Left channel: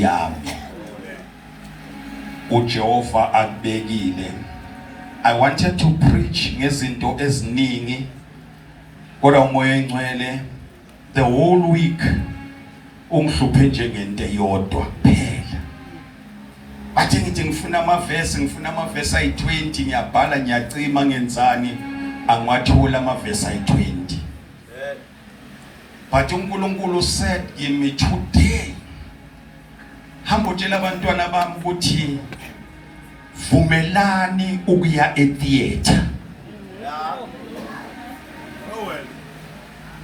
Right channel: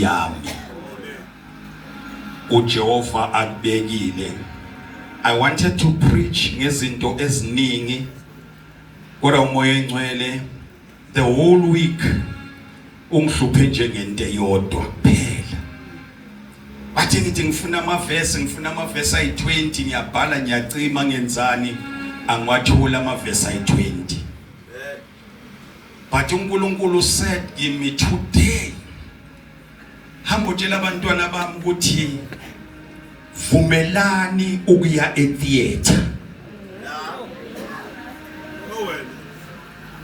yami. uJehova akubekile. I wanted to preach ngezinto eziningi kodwa umoya engcwele the whole week ungihluphe njengento eyodwa kuphela. Bathi ngithi ngifuna amavesi ayi-20 ngiyabhala ngiyacima ngenzani angiwathola amavesi ayi-20. But uNkulunkulu said give me today. Hamba utshela abantwana bami ukuthi vumelani ukuya etheater.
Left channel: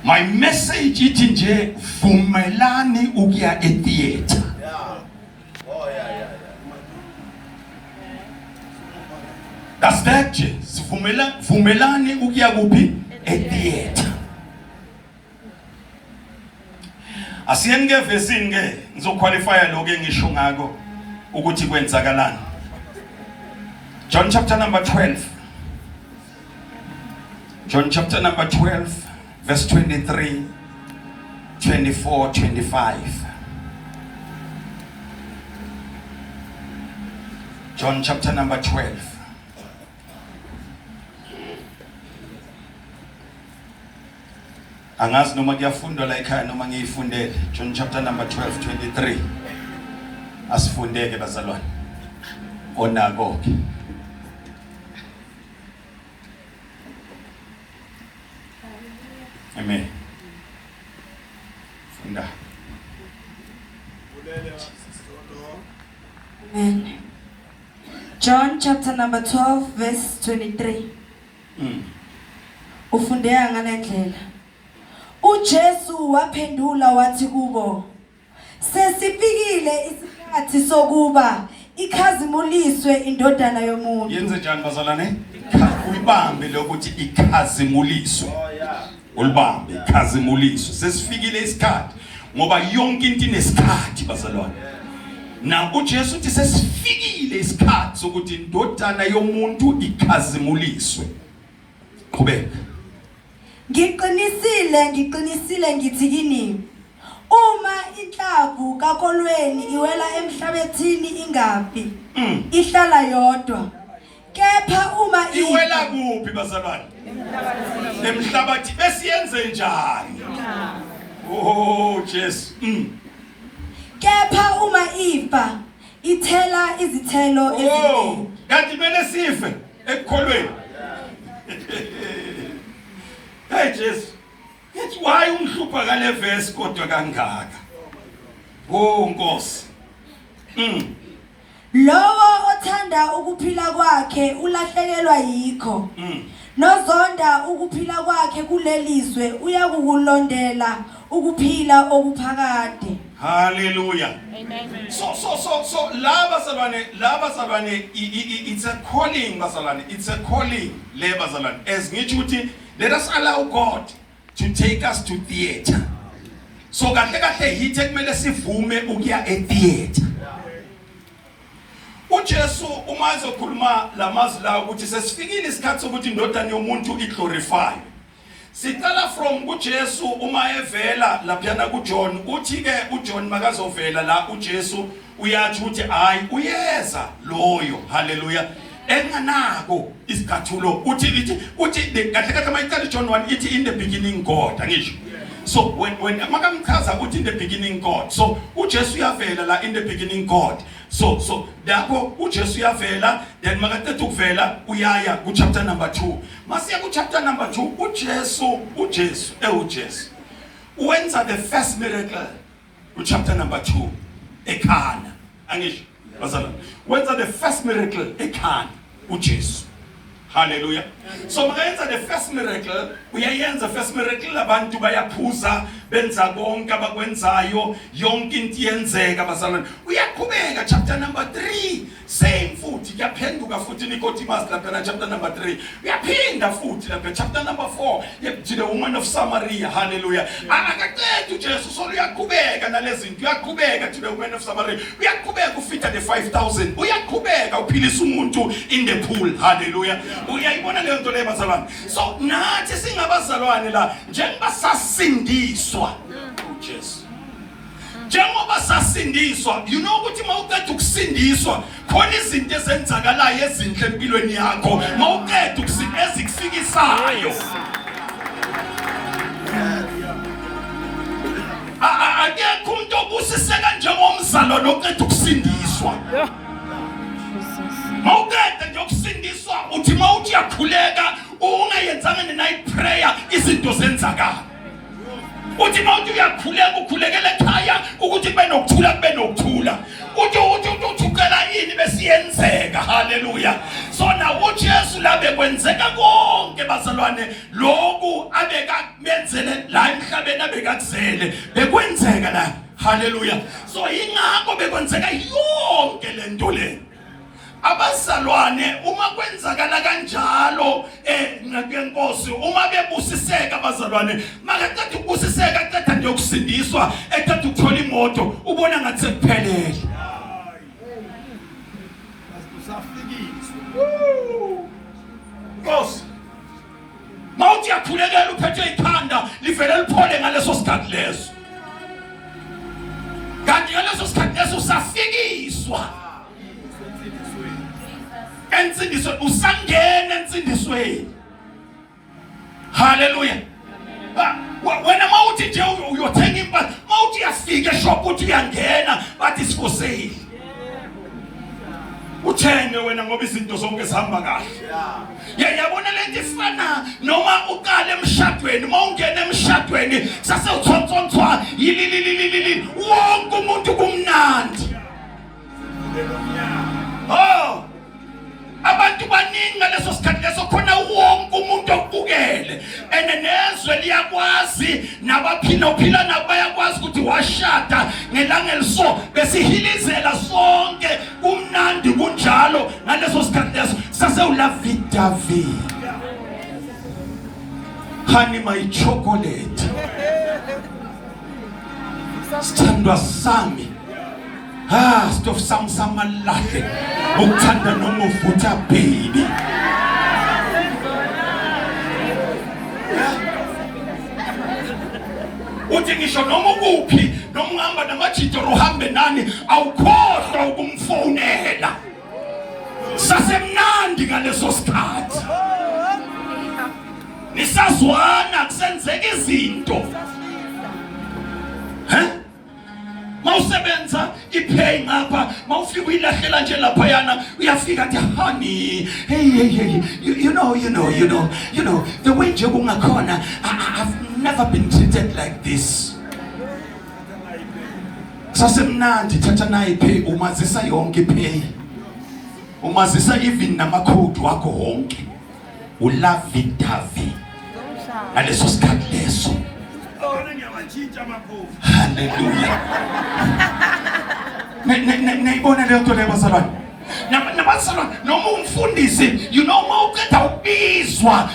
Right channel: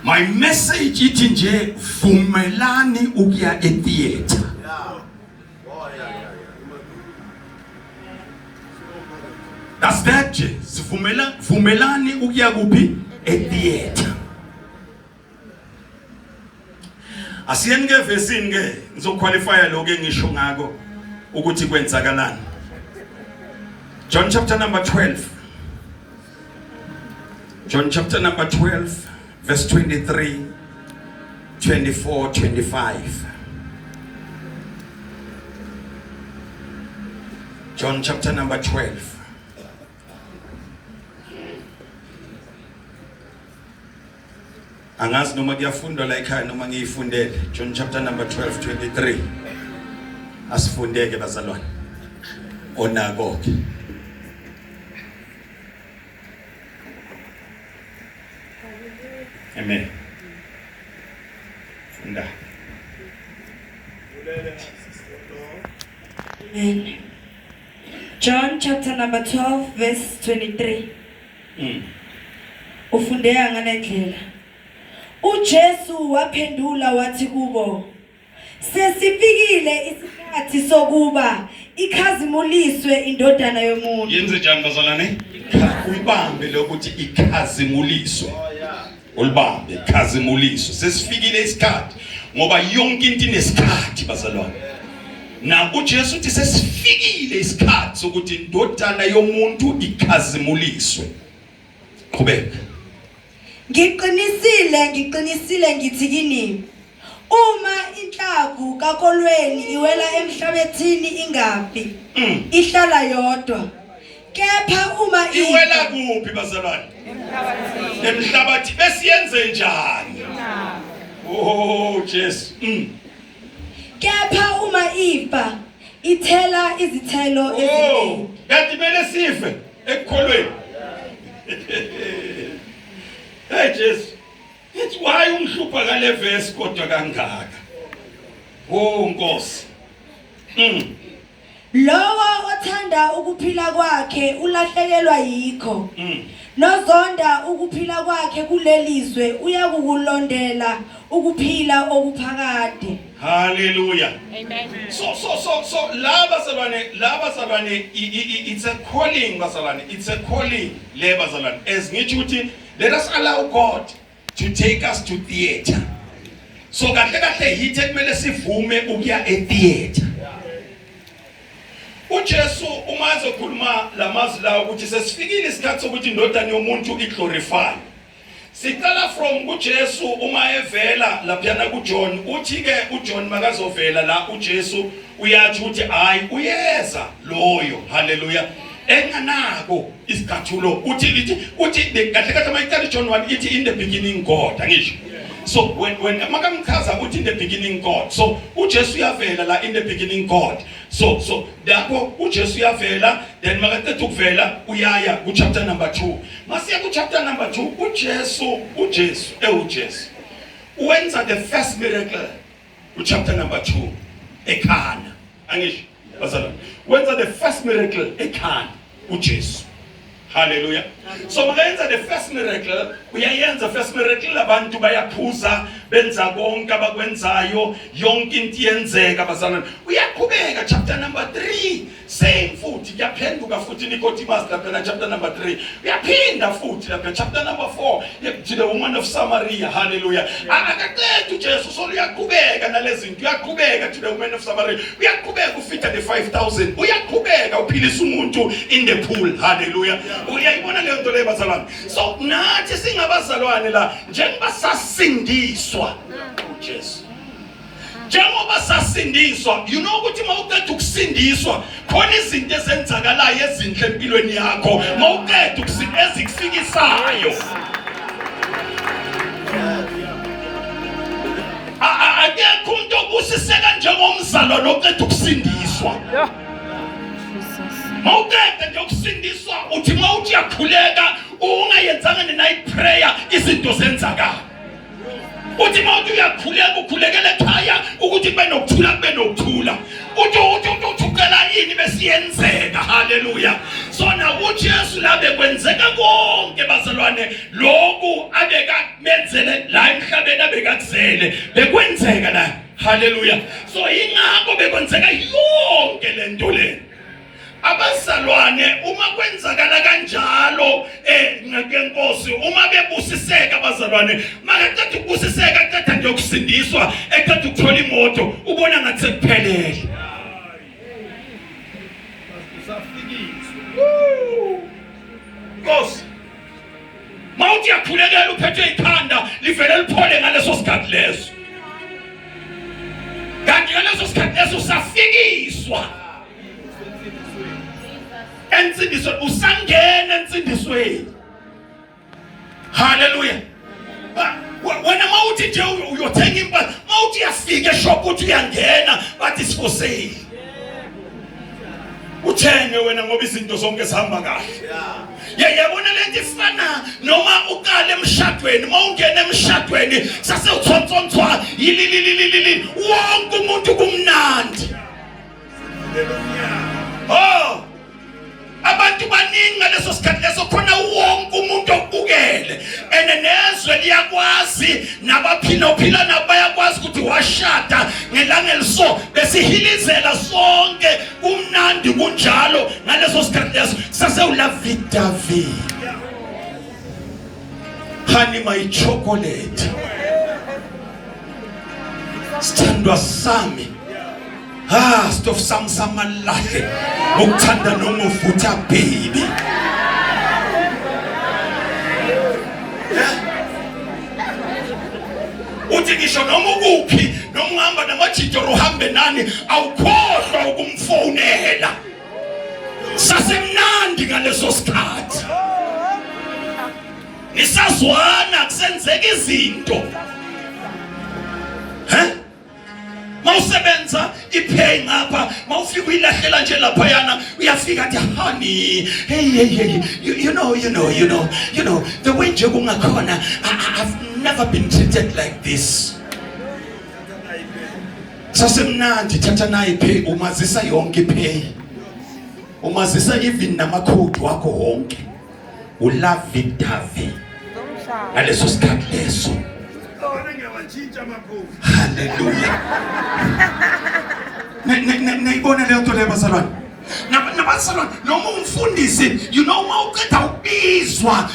My message ithi nje vumelani ukuya etheater. That's that nje. Vumelani ukuya kuphi etheater. Asiyeni ke vesini ke ngizoqualifya lokho engisho ngako ukuthi kwenzakalani. John chapter number 12. John chapter number 12 verse 23, 24, 25. John chapter number 12. Angazi noma kuyafundwa la ekhaya noma ngiyifundele. John chapter number 12, 23. Asifundeke bazalwane. Onako ke. Amen. Funda. Amen. John chapter number 12 verse 23. Ufundeka ngalendlela. uJesu waphendula wathi kubo, sesifikile isikhathi sokuba ikhazimuliswe indodana yomuntu. Yenze njani bazalwane? Uyibambe lokuthi ikhazimuliswe. Ulibambe ikhazimuliswe. Sesifikile isikhathi ngoba yonke into inesikhathi bazalwane. Na uJesu uthi sesifikile isikhathi sokuthi indodana yomuntu ikhazimuliswe. Qhubeka. Ngiqinisile ngithi kini, uma inhlavu kakolweni iwela emhlabathini ingaphi, ihlala yodwa. Kepha uma iwela kuphi bazalwane? Emhlabathi besiyenze njani? Oh Jesu. Kepha uma ifa ithela izithelo eziningi. Kanti mele sife ekukholweni. Hey Jesus, it's why ungihlupha kale verse kodwa kangaka. Oh Nkosi. Lowo othanda ukuphila kwakhe ulahlekelwa yikho. Nozonda ukuphila kwakhe kulelizwe uyakukulondela ukuphila okuphakade. Hallelujah. Amen. So laba salwane it's a calling bazalwane. It's a calling le bazalwane. As ngithi uthi let us allow God to take us to theater. So kahle hithe kumele sivume ukuya etheater. uJesu uma ezokhuluma lamazwi lawo ukuthi sesifikile isikhathi sokuthi indodana yomuntu iglorify. Siqala from uJesu uma evela laphana kuJohn uthi ke uJohn makazovela la uJesu uyathi uthi hayi uyeza loyo. Hallelujah. Enganako isikhathulo uthi kahle mayiqala John 1 ithi in the beginning God angisho. So when makamchaza uthi in the beginning God, so uJesu uyavela la in the beginning God. So lapho uJesu uyavela, then makaqeda ukuvela uyaya ku chapter number 2. Masiya ku chapter number 2 uJesu wenza the first miracle ku chapter number 2 eKhana angisho bazalwane. Wenza the first miracle eKhana uJesu. Hallelujah. So makayenza the first miracle, uyayenza first miracle abantu bayaphuza benza konke abakwenzayo yonke into yenzeka bazalwane. Uyaqhubeka chapter number 3 same futhi kuyaphenduka futhi Nicodemus lapha chapter number 3 uyaphinda futhi lapha chapter number 4 to the woman of Samaria. Hallelujah. Akaqedwe uJesu so uyaqhubeka nalezi zinto uyaqhubeka to the woman of Samaria. Uyaqhubeka ufika the 5,000. Uyaqhubeka uphilisa umuntu in the pool. Hallelujah. Uyayibona leyo nto leyo bazalwane. So nathi singabazalwane la njengoba sasindiswa uJesu njengoba sasindiswa, you know ukuthi mawuqeda ukusindiswa khona izinto ezenzakalayo ezinhle empilweni yakho mawuqeda ukusinda ezikufikisayo. Akekho umuntu obusiseka njengomzalwane oqeda ukusindiswa. Mawuqeda nje ukusindiswa uthi mawuthi yakhuleka ungayenzanga ne-night prayer izinto zenzakala. Uthi mawuthi uyakhuleka ukhulekela ekhaya ukuthi benokuthula kube nokuthula. Uthi ucela yini besiyenzeka. Haleluya. So nakuthi Yesu la bekwenzeka konke bazalwane lokhu abeka menzele la emhlabeni abekakuzele bekwenzeka la. Haleluya. So ingakho bekwenzeka yonke lento le. Abazalwane uma kwenzakala kanjalo ngenkosi uma bebusiseka abazalwane makaqeda ukubusiseka aqeda nje ukusindiswa aqeda ukuthola imoto ubona ngathi sekuphelele. Nkosi mawuthi yakhulekela uphethwe ikhanda livele liphole ngaleso sikhathi leso. Kanti ngaleso sikhathi leso usafikiswa ensindisweni usangena ensindisweni. Haleluya. Wena mawuthi nje uyothenga impahla mawuthi yafika eshop uthi uyangena bathi is for sale. Uthenge wena ngoba izinto zonke zihamba kahle. Yabona lento ifana noma uqala emshadweni mawungena emshadweni sase uthontsontswa yililililili wonke umuntu kumnandi. Oh abantu baningi ngaleso sikhathi leso khona wonke umuntu okubukele enenezwe liyakwazi nabaphila nabo bayakwazi ukuthi washada ngelanga eliso besihilizela sonke kumnandi kunjalo ngaleso sikhathi leso sase ulavidavi honey my chocolate sithandwa sami stuff samalahle ukuthanda noma uvutha baby. Uthi ngisho noma ukuphi noma uhamba namajito uhambe nani awukhohlwa ukumfonela. Sasemnandi ngaleso sikhathi. Nisazwana kusenzeka izinto. Mawusebenza ipay ngapha mawufika uyilahlela nje lapha yana uyafika athi honey hey you know the way nje kungakhona I've never been treated like this. Sasemnandi thatha nayi pay umazisa yonke pay umazisa even namakhodi wakho wonke ulavidavi aleso sikhathi leso. Hallelujah. Nayibona leyo nto leyo bazalwane. Nabazalwane noma umfundisi you know mawuqeda ukubizwa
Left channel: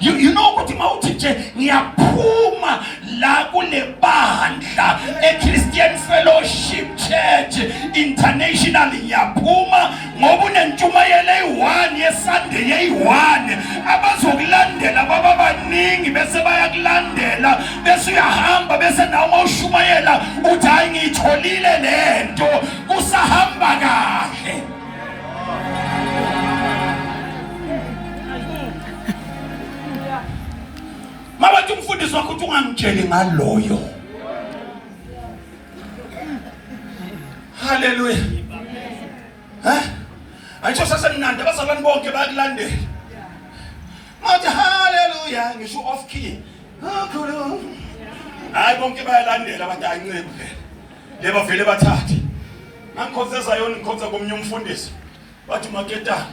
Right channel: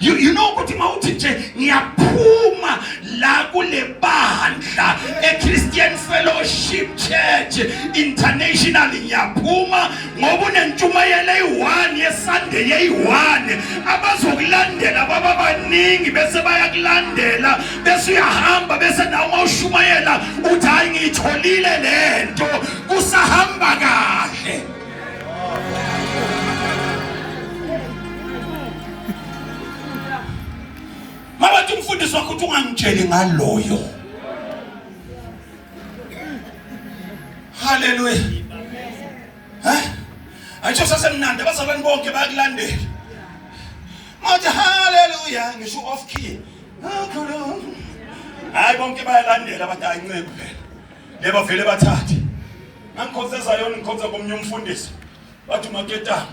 you know ukuthi mawuthi nje ngiyaphuma la kule bandla eChristian Fellowship Church International ngiyaphuma ngoba unentshumayelo eyi-1 yeSunday eyi-1 abazokulandela baba baningi bese bayakulandela bese uyahamba bese nawe mawushumayela uthi hayi ngiyitholile lento kusahamba kahle. Mabathi umfundisi wakho uthi ungangitsheli ngaloyo. Haleluya. Ayisho sasemnandi abazalwane bonke bayakulandela. Mathi haleluya ngisho off key. Hayi bonke bayalandela bathi ayincebe phela. Leba vele bathathe. Mangikhonzeza yona ngikhonza komnye umfundisi. Bathi maketana.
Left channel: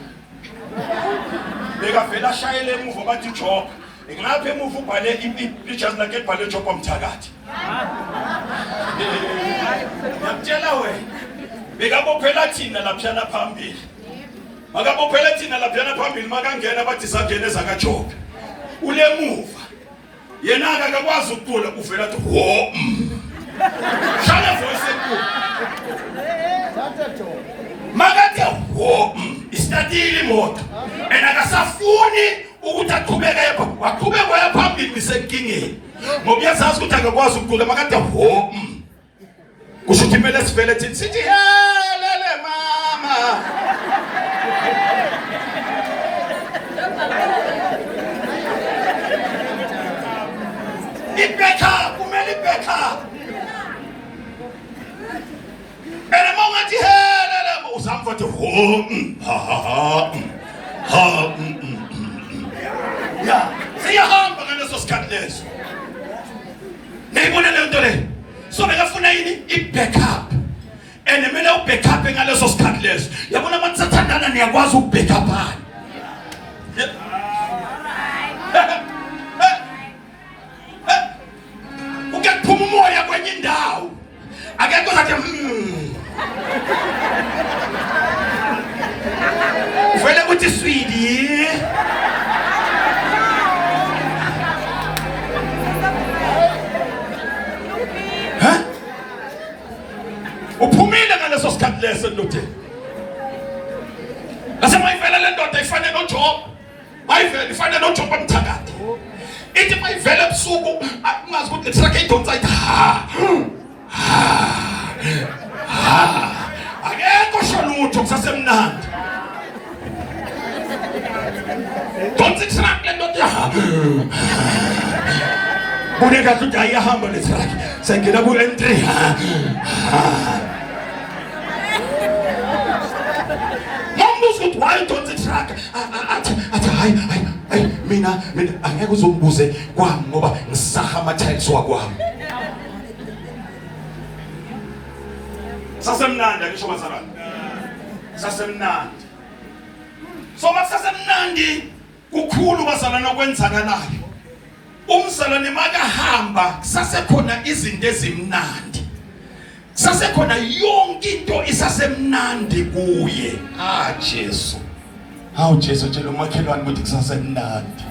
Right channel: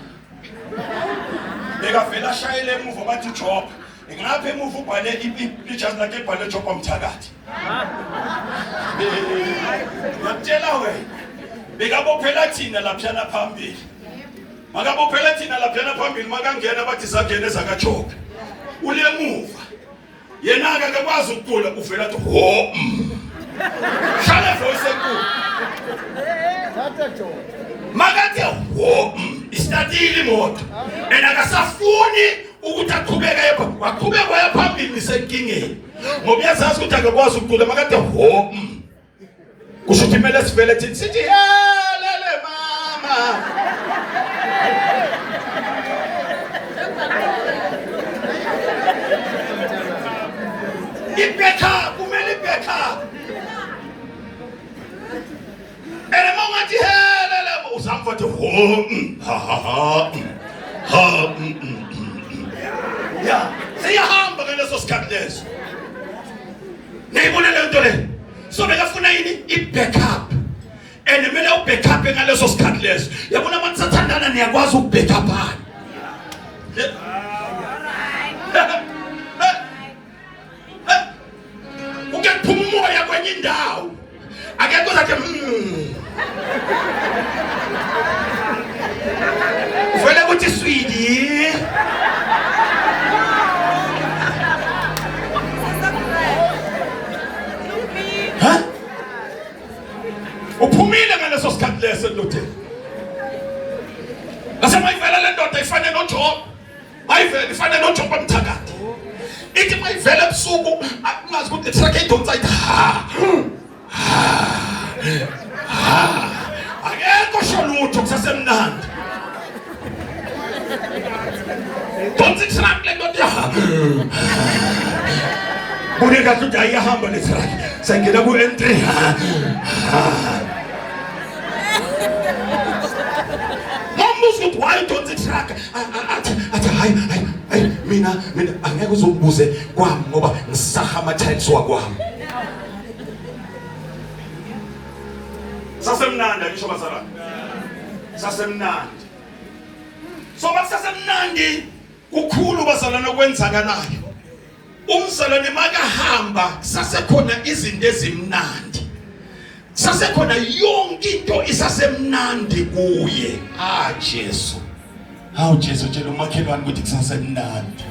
Beka vele ashayele emuva bathi job. Ngapha emuva ubhale ijazi lakhe libhale job omthakathi. Ngiyakutshela wena. Bekabophela thina laphana phambili. Makabophela thina laphana phambili makangena bathi sangena ezakaJob. Ulemuva. Yena akakwazi ukucula uvela athi ho. Hlala voice enkulu. Makathe ho. Istatile imoto. Akasafuni ukuthi aqhubeke waqhubeka waya phambili senkingeni. Ngoba uyazazi ukuthi akakwazi ukucula makathe ho. kusho kumele sivele thina sithi lele mama. Ibeka kumele ibeka. Ene mongathi lele uzamva ukuthi ya siyahamba ngaleso sikhathi leso. Nayibona le nto le. So bekafuna yini i-backup. And kumele u-backup ngaleso sikhathi leso. Yabona abantu sathandana niyakwazi u-backupana. Ukephuma umoya kwenye indawo. Akekho zathi uvele kuthi swidi. Uphumile ngaleso sikhathi leso ndoda. Lasemayivela le ndoda ifane noJob. Mayivela ifane noJob amthakade. Ithi mayivela ebusuku ungazi ukuthi truck idonsa ithi akekho sholutho kusasemnandi. Donsa truck le ndoda. Bune kahle ukuthi ayihamba le truck. Sengena ku N3. Why don't it track? Hayi mina angeke uzongibuze kwami ngoba ngisahama types wakwami. Sasemnandi ngisho bazalwane. Sasemnandi. So masasemnandi kukhulu bazalwane okwenzakalayo. Umzalwane makahamba sasekhona izinto ezimnandi. Sasekhona yonke into isasemnandi kuye. Jesu. Hawu Jesu tshela umakhelwane ukuthi kusasemnandi.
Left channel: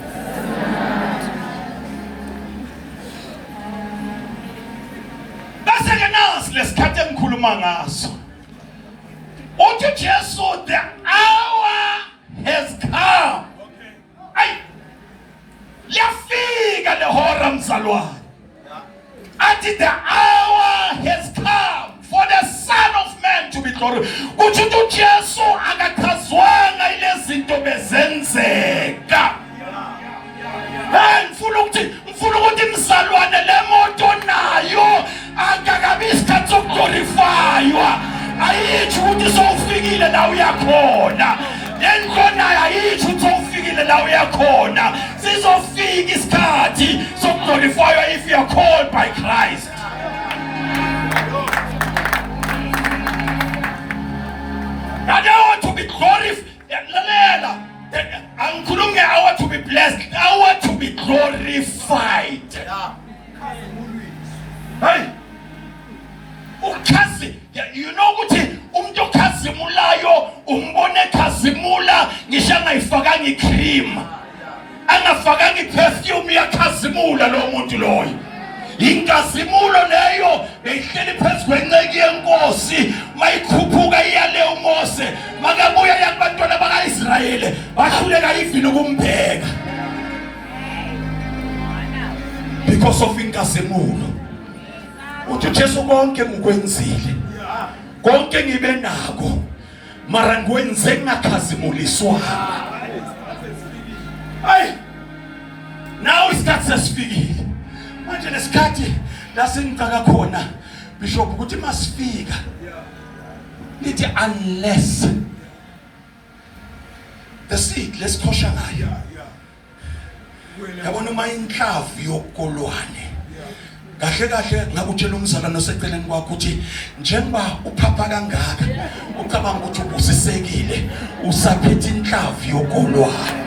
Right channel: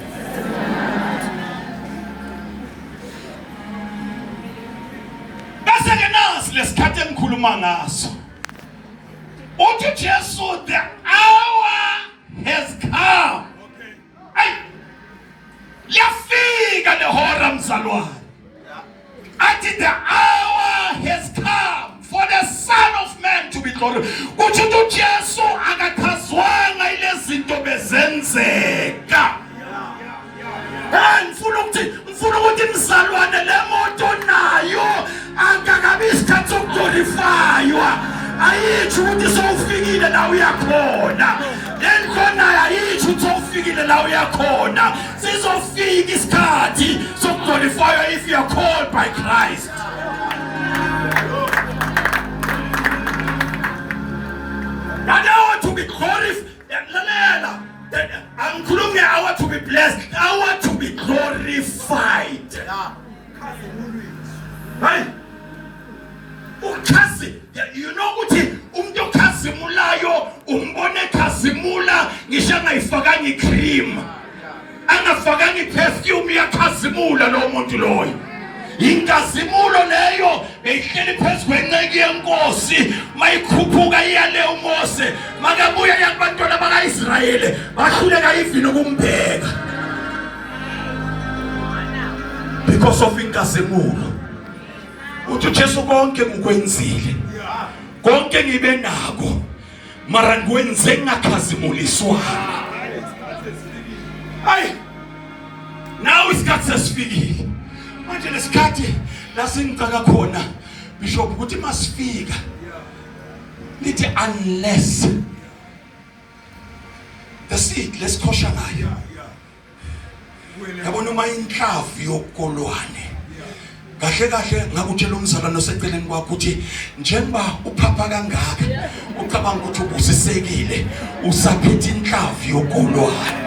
Bese ke nasi lesikhathi engikhuluma ngaso. Uthi Jesu, the hour has come. Okay. Ay. Yafika lehora mzalwane. Athi the hour has come for the Son of Man to be glorified. Uthi uJesu akakhazwanga ilezinto bezenzeka. Ngifuna ukuthi mzalwane le moto nayo akakabi isikhathi sokuglorifywa. Ayithi ukuthi sowufikile la uyakhona. Lento nayo ayithi ukuthi sowufikile la uyakhona. Sizofika isikhathi sokuglorifywa if you are called by Christ. And I want to be glorified. I want to be blessed. I want to be glorified. Hey, you know what? Umuntu okhazimulayo umbone khazimula ngisho angayifakanga icream, angafakanga iperfume yakhazimula lo muntu loyo. Inkazimulo leyo beyihleli phezu kwenceki yenkosi mayikhuphuka iyale uMose makabuya yakubantwana bakaIsrayeli bahluleka ivini ukumbheka because of inkazimulo. Uthi Jesu konke ngikwenzile, konke ngibe nako, mara ngikwenze ngakhazimuliswa. Ay, now isikhathi sesifikile. Manje lesikhathi la sengicaka khona bishop ukuthi masifika nithi unless the seed lesikhosha ngayo. Yabona uma inhlavu yokolwane kahle kahle ngakutshela umzalwane oseceleni kwakho ukuthi njengoba uphapha kangaka ucabanga ukuthi ubusisekile usaphethe inhlavu yokolwane.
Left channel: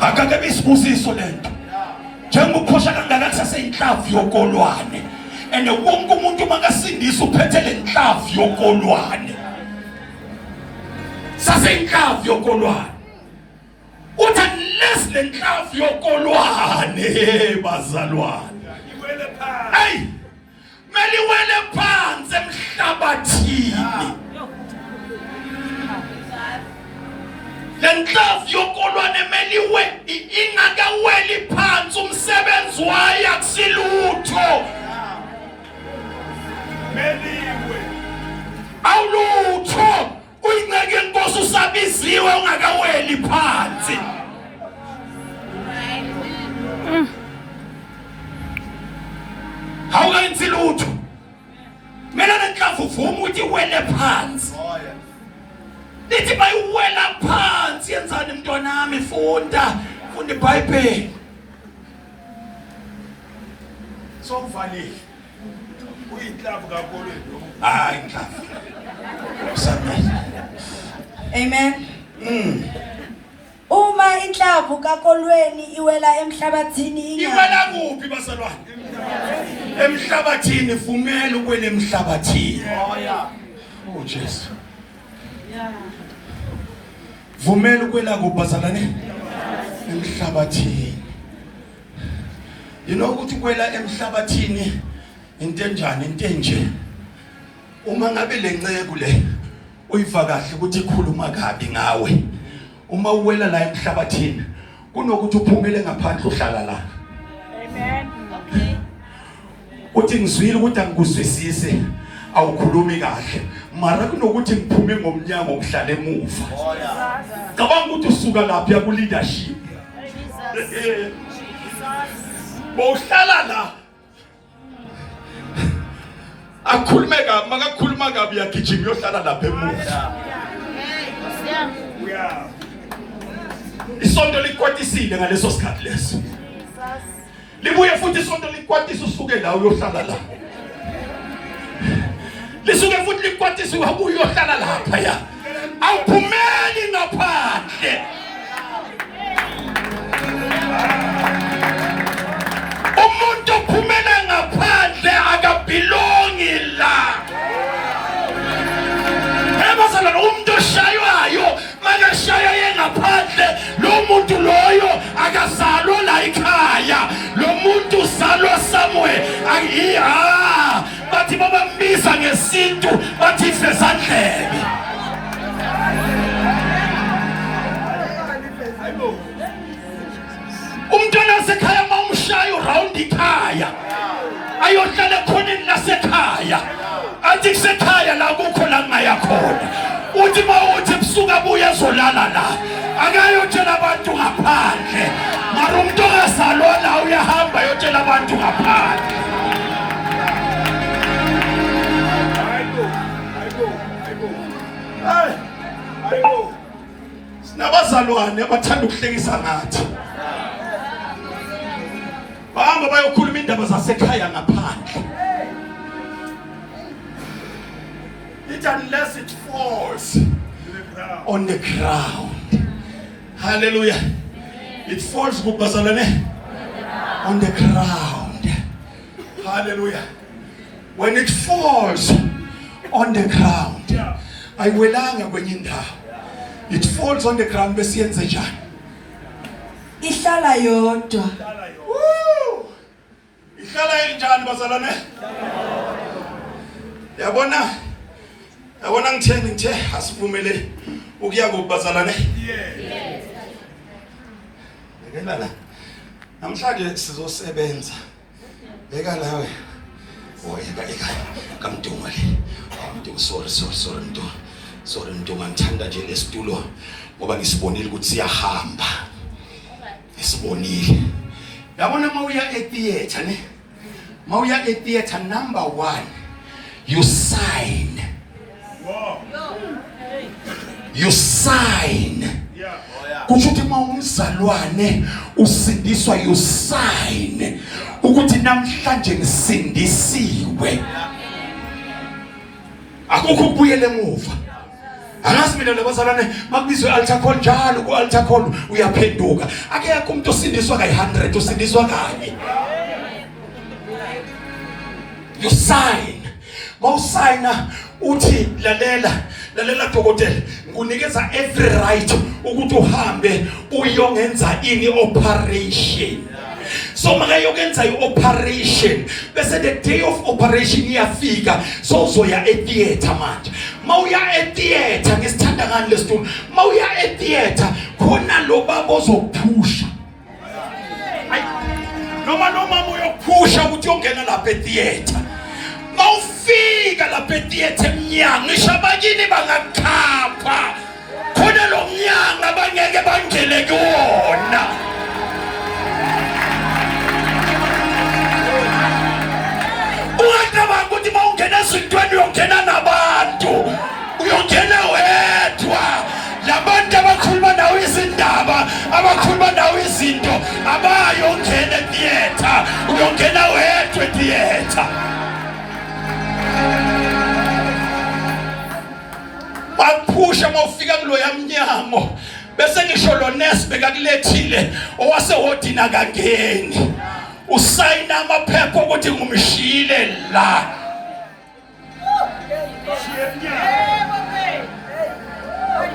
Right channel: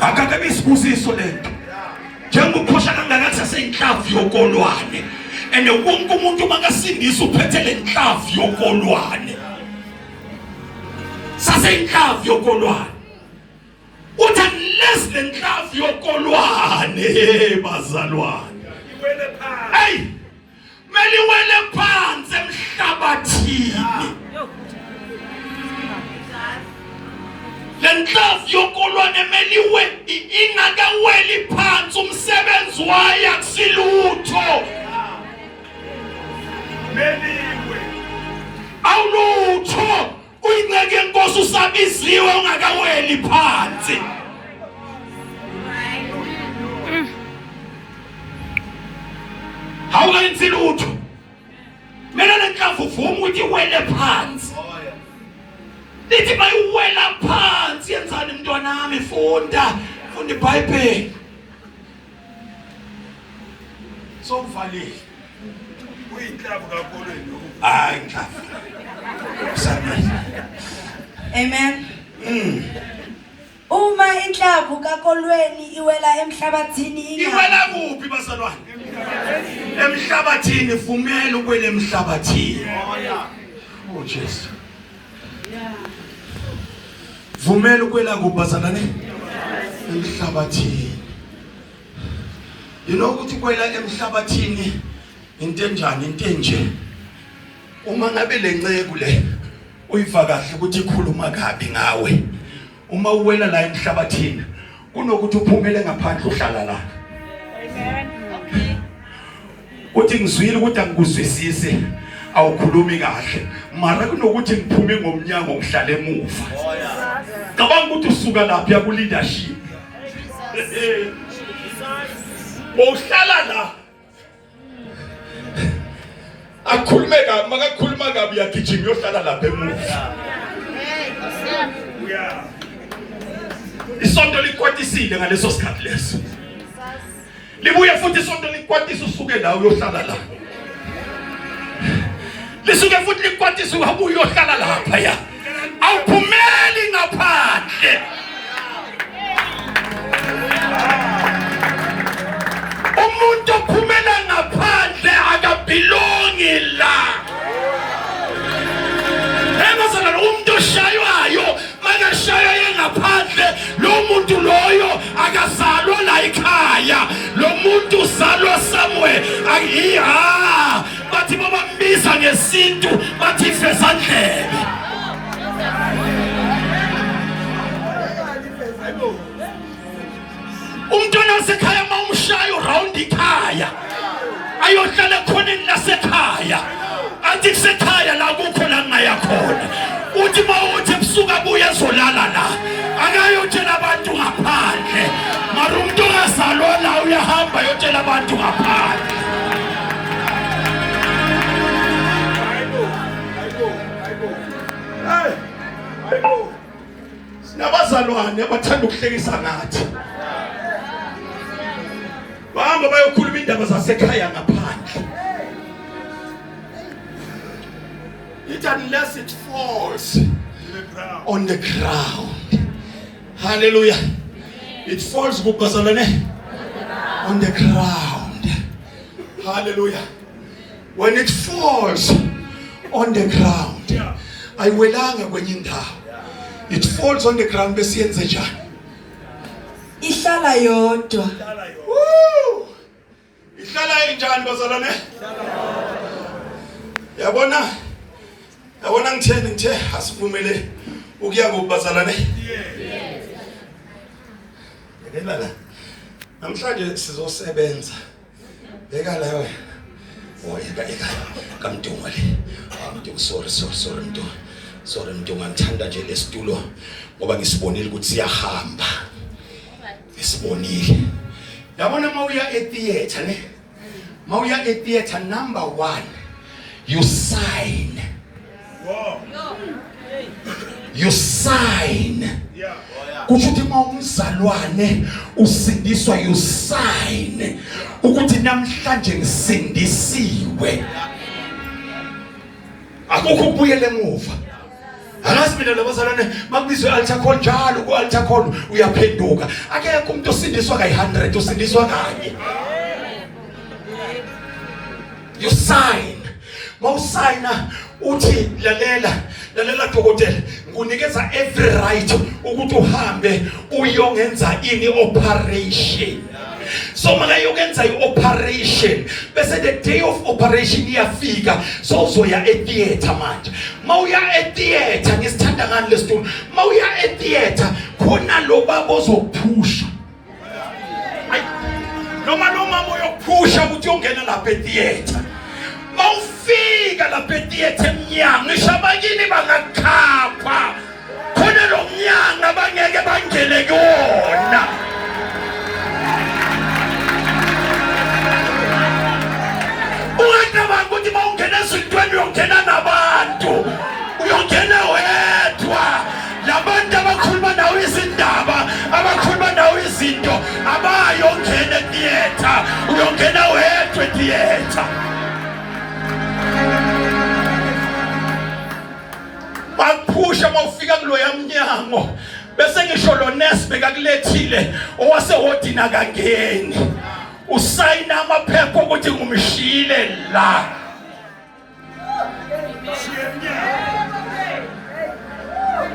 Akakabi isibusiso lento. Njengoba ukhosha kangaka kusaseyinhlavu yokolwane. And wonke umuntu makasindisa uphethe le nhlavu yokolwane. Saseyinhlavu yokolwane. Uthi unless le nhlavu yokolwane bazalwane. Hey! Meliwele phansi emhlabathini. Le nenhlavu yokolwane meliwe ingakaweli phansi umsebenzi wayo akusilutho meliwe awulutho uyinceke yenkosi usabiziwe ungakaweli phansi awuyenzi lutho mina nenhlavu vuma ukuthi wele phansi lithi bayiwela phansi yenzani mntwanami funda iBhayibheli sokuvalile uyinhlavu kakolweni hayi inhlavu amen uma inhlavu kakolweni iwela emhlabathini iwela kuphi bazalwane emhlabathini vumela ukwela emhlabathini oh Jesu vumela ukwela kubazalwane emhlabathini ukuthi kwela emhlabathini into enjani into enje uma ngabe lenceke le uyiva kahle ukuthi ikhuluma kabi ngawe uma uwela la emhlabathini kunokuthi uphumele ngaphandle uhlala la amen okay uthi ngizwile ukuthi angikuzwisise awukhulumi kahle mara kunokuthi ngiphume ngomnyango ngihlale emuva cabanga ukuthi usuka lapha ya ku leadership bohlala la akhulume kabi makakhuluma kabi yagijima yohlala lapha emuva isonto likwatisile ngaleso sikhathi leso libuye futhi isonto likwatisa usuke la uyohlala la lisuke futhi likwatisa uhabuye uyohlala lapha ya awuphumeli ngaphandle umuntu ophumela ngaphandle akabelongi la ebazalwane umuntu oshaywayo makashaya yengaphandle lo muntu loyo akazalwa la ekhaya lo muntu uzalwa somewhere bathi babambiza ngesintu bathi ifezandlebe umntwana wasekhaya mawumshaya uround ikhaya ayohlala khona lasekhaya athi kusekhaya la kukho la ngaya khona uthi mawuthi ebusuku abuye ezolala la akayotshela abantu ngaphandle mara umuntu ongazalwa la uyahamba yotshela abantu ngaphandle sinabazalwane abathanda ukuhlekisa ngathi bahamba bayokhuluma indaba zasekhaya ngaphandle it unless it falls on the ground hallelujah it falls kubazalwane on the ground hallelujah when it falls on the ground ayiwelanga kwenye indawo it falls on the ground bese yenze njani ihlala yodwa ihlala injani bazalwane yabona ngithe asivumele ukuya kubazalwane yekela la namhlanje sizosebenza beka lawe oyeka kamdunga le amntu sorry mntu ngithanda nje lesitulo ngoba ngisibonile ukuthi siyahamba isibonile yabona mawuya etheater ne mawuya etheater number 1 you sign you sign ukuthi mawumzalwane usindiswa you sign ukuthi namhlanje ngisindisiwe akukho kubuyela emuva angazi mina labazalwane makubizwe altar call njalo ku altar call uyaphenduka akekho umuntu osindiswa kayi100 usindiswa kanye you sign mawusayina uthi lalela dokotela ngikunikeza every right ukuthi uhambe uyongenza ini operation so manje yokwenza ioperation bese the day of operation iyafika so uzoya etheater manje mawuya etheater ngisithanda ngani lesitulo mawuya etheater khona lo baba ozokuphusha noma lo mama uyokuphusha ukuthi uyongena lapha etheater mawufika lapha etheater emnyango ngisho abakini bangakhapha khona lo mnyango abangeke bangene kuwona ungacabanga ukuthi mawungena esintweni uyongena nabantu uyongena wedwa labantu abakhuluma nawe izindaba abakhuluma nawe izinto abayongena etheater uyongena wedwa etheater baphusha mawufika kulo yamnyango bese ngisho lo nurse bekakulethile owasehotini akangeni usayina amaphepha ukuthi ngumshile la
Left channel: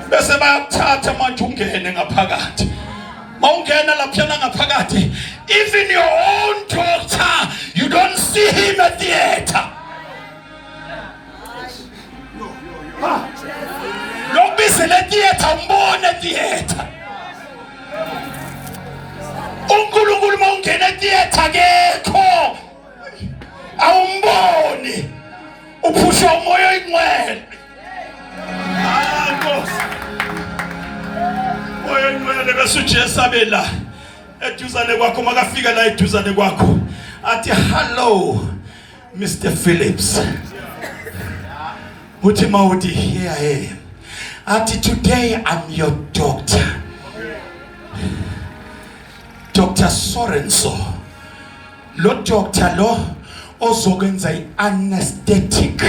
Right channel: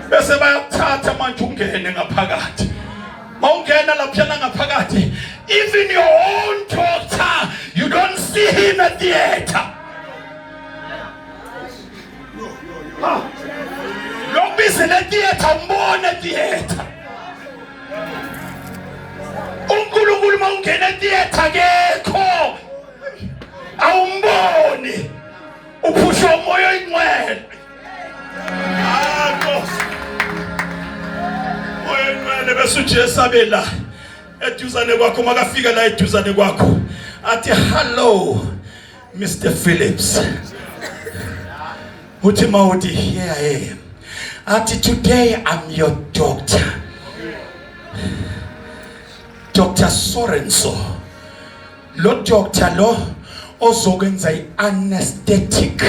bese bayathatha manje ungene ngaphakathi mawungena laphana ngaphakathi even your own doctor you don't see him at the theater lokubise le theater umbone theater uNkulunkulu mawungena theater akekho awumboni uphusha umoya oyingcwele moya oyingcwele bese uJesu abela eduzane kwakho makafika la eduzane kwakho athi hello Mr Phillips uthi mawuthi here I am athi today I'm your doctor Dr Sorenso lo doctor lo ozokwenza ianesthetic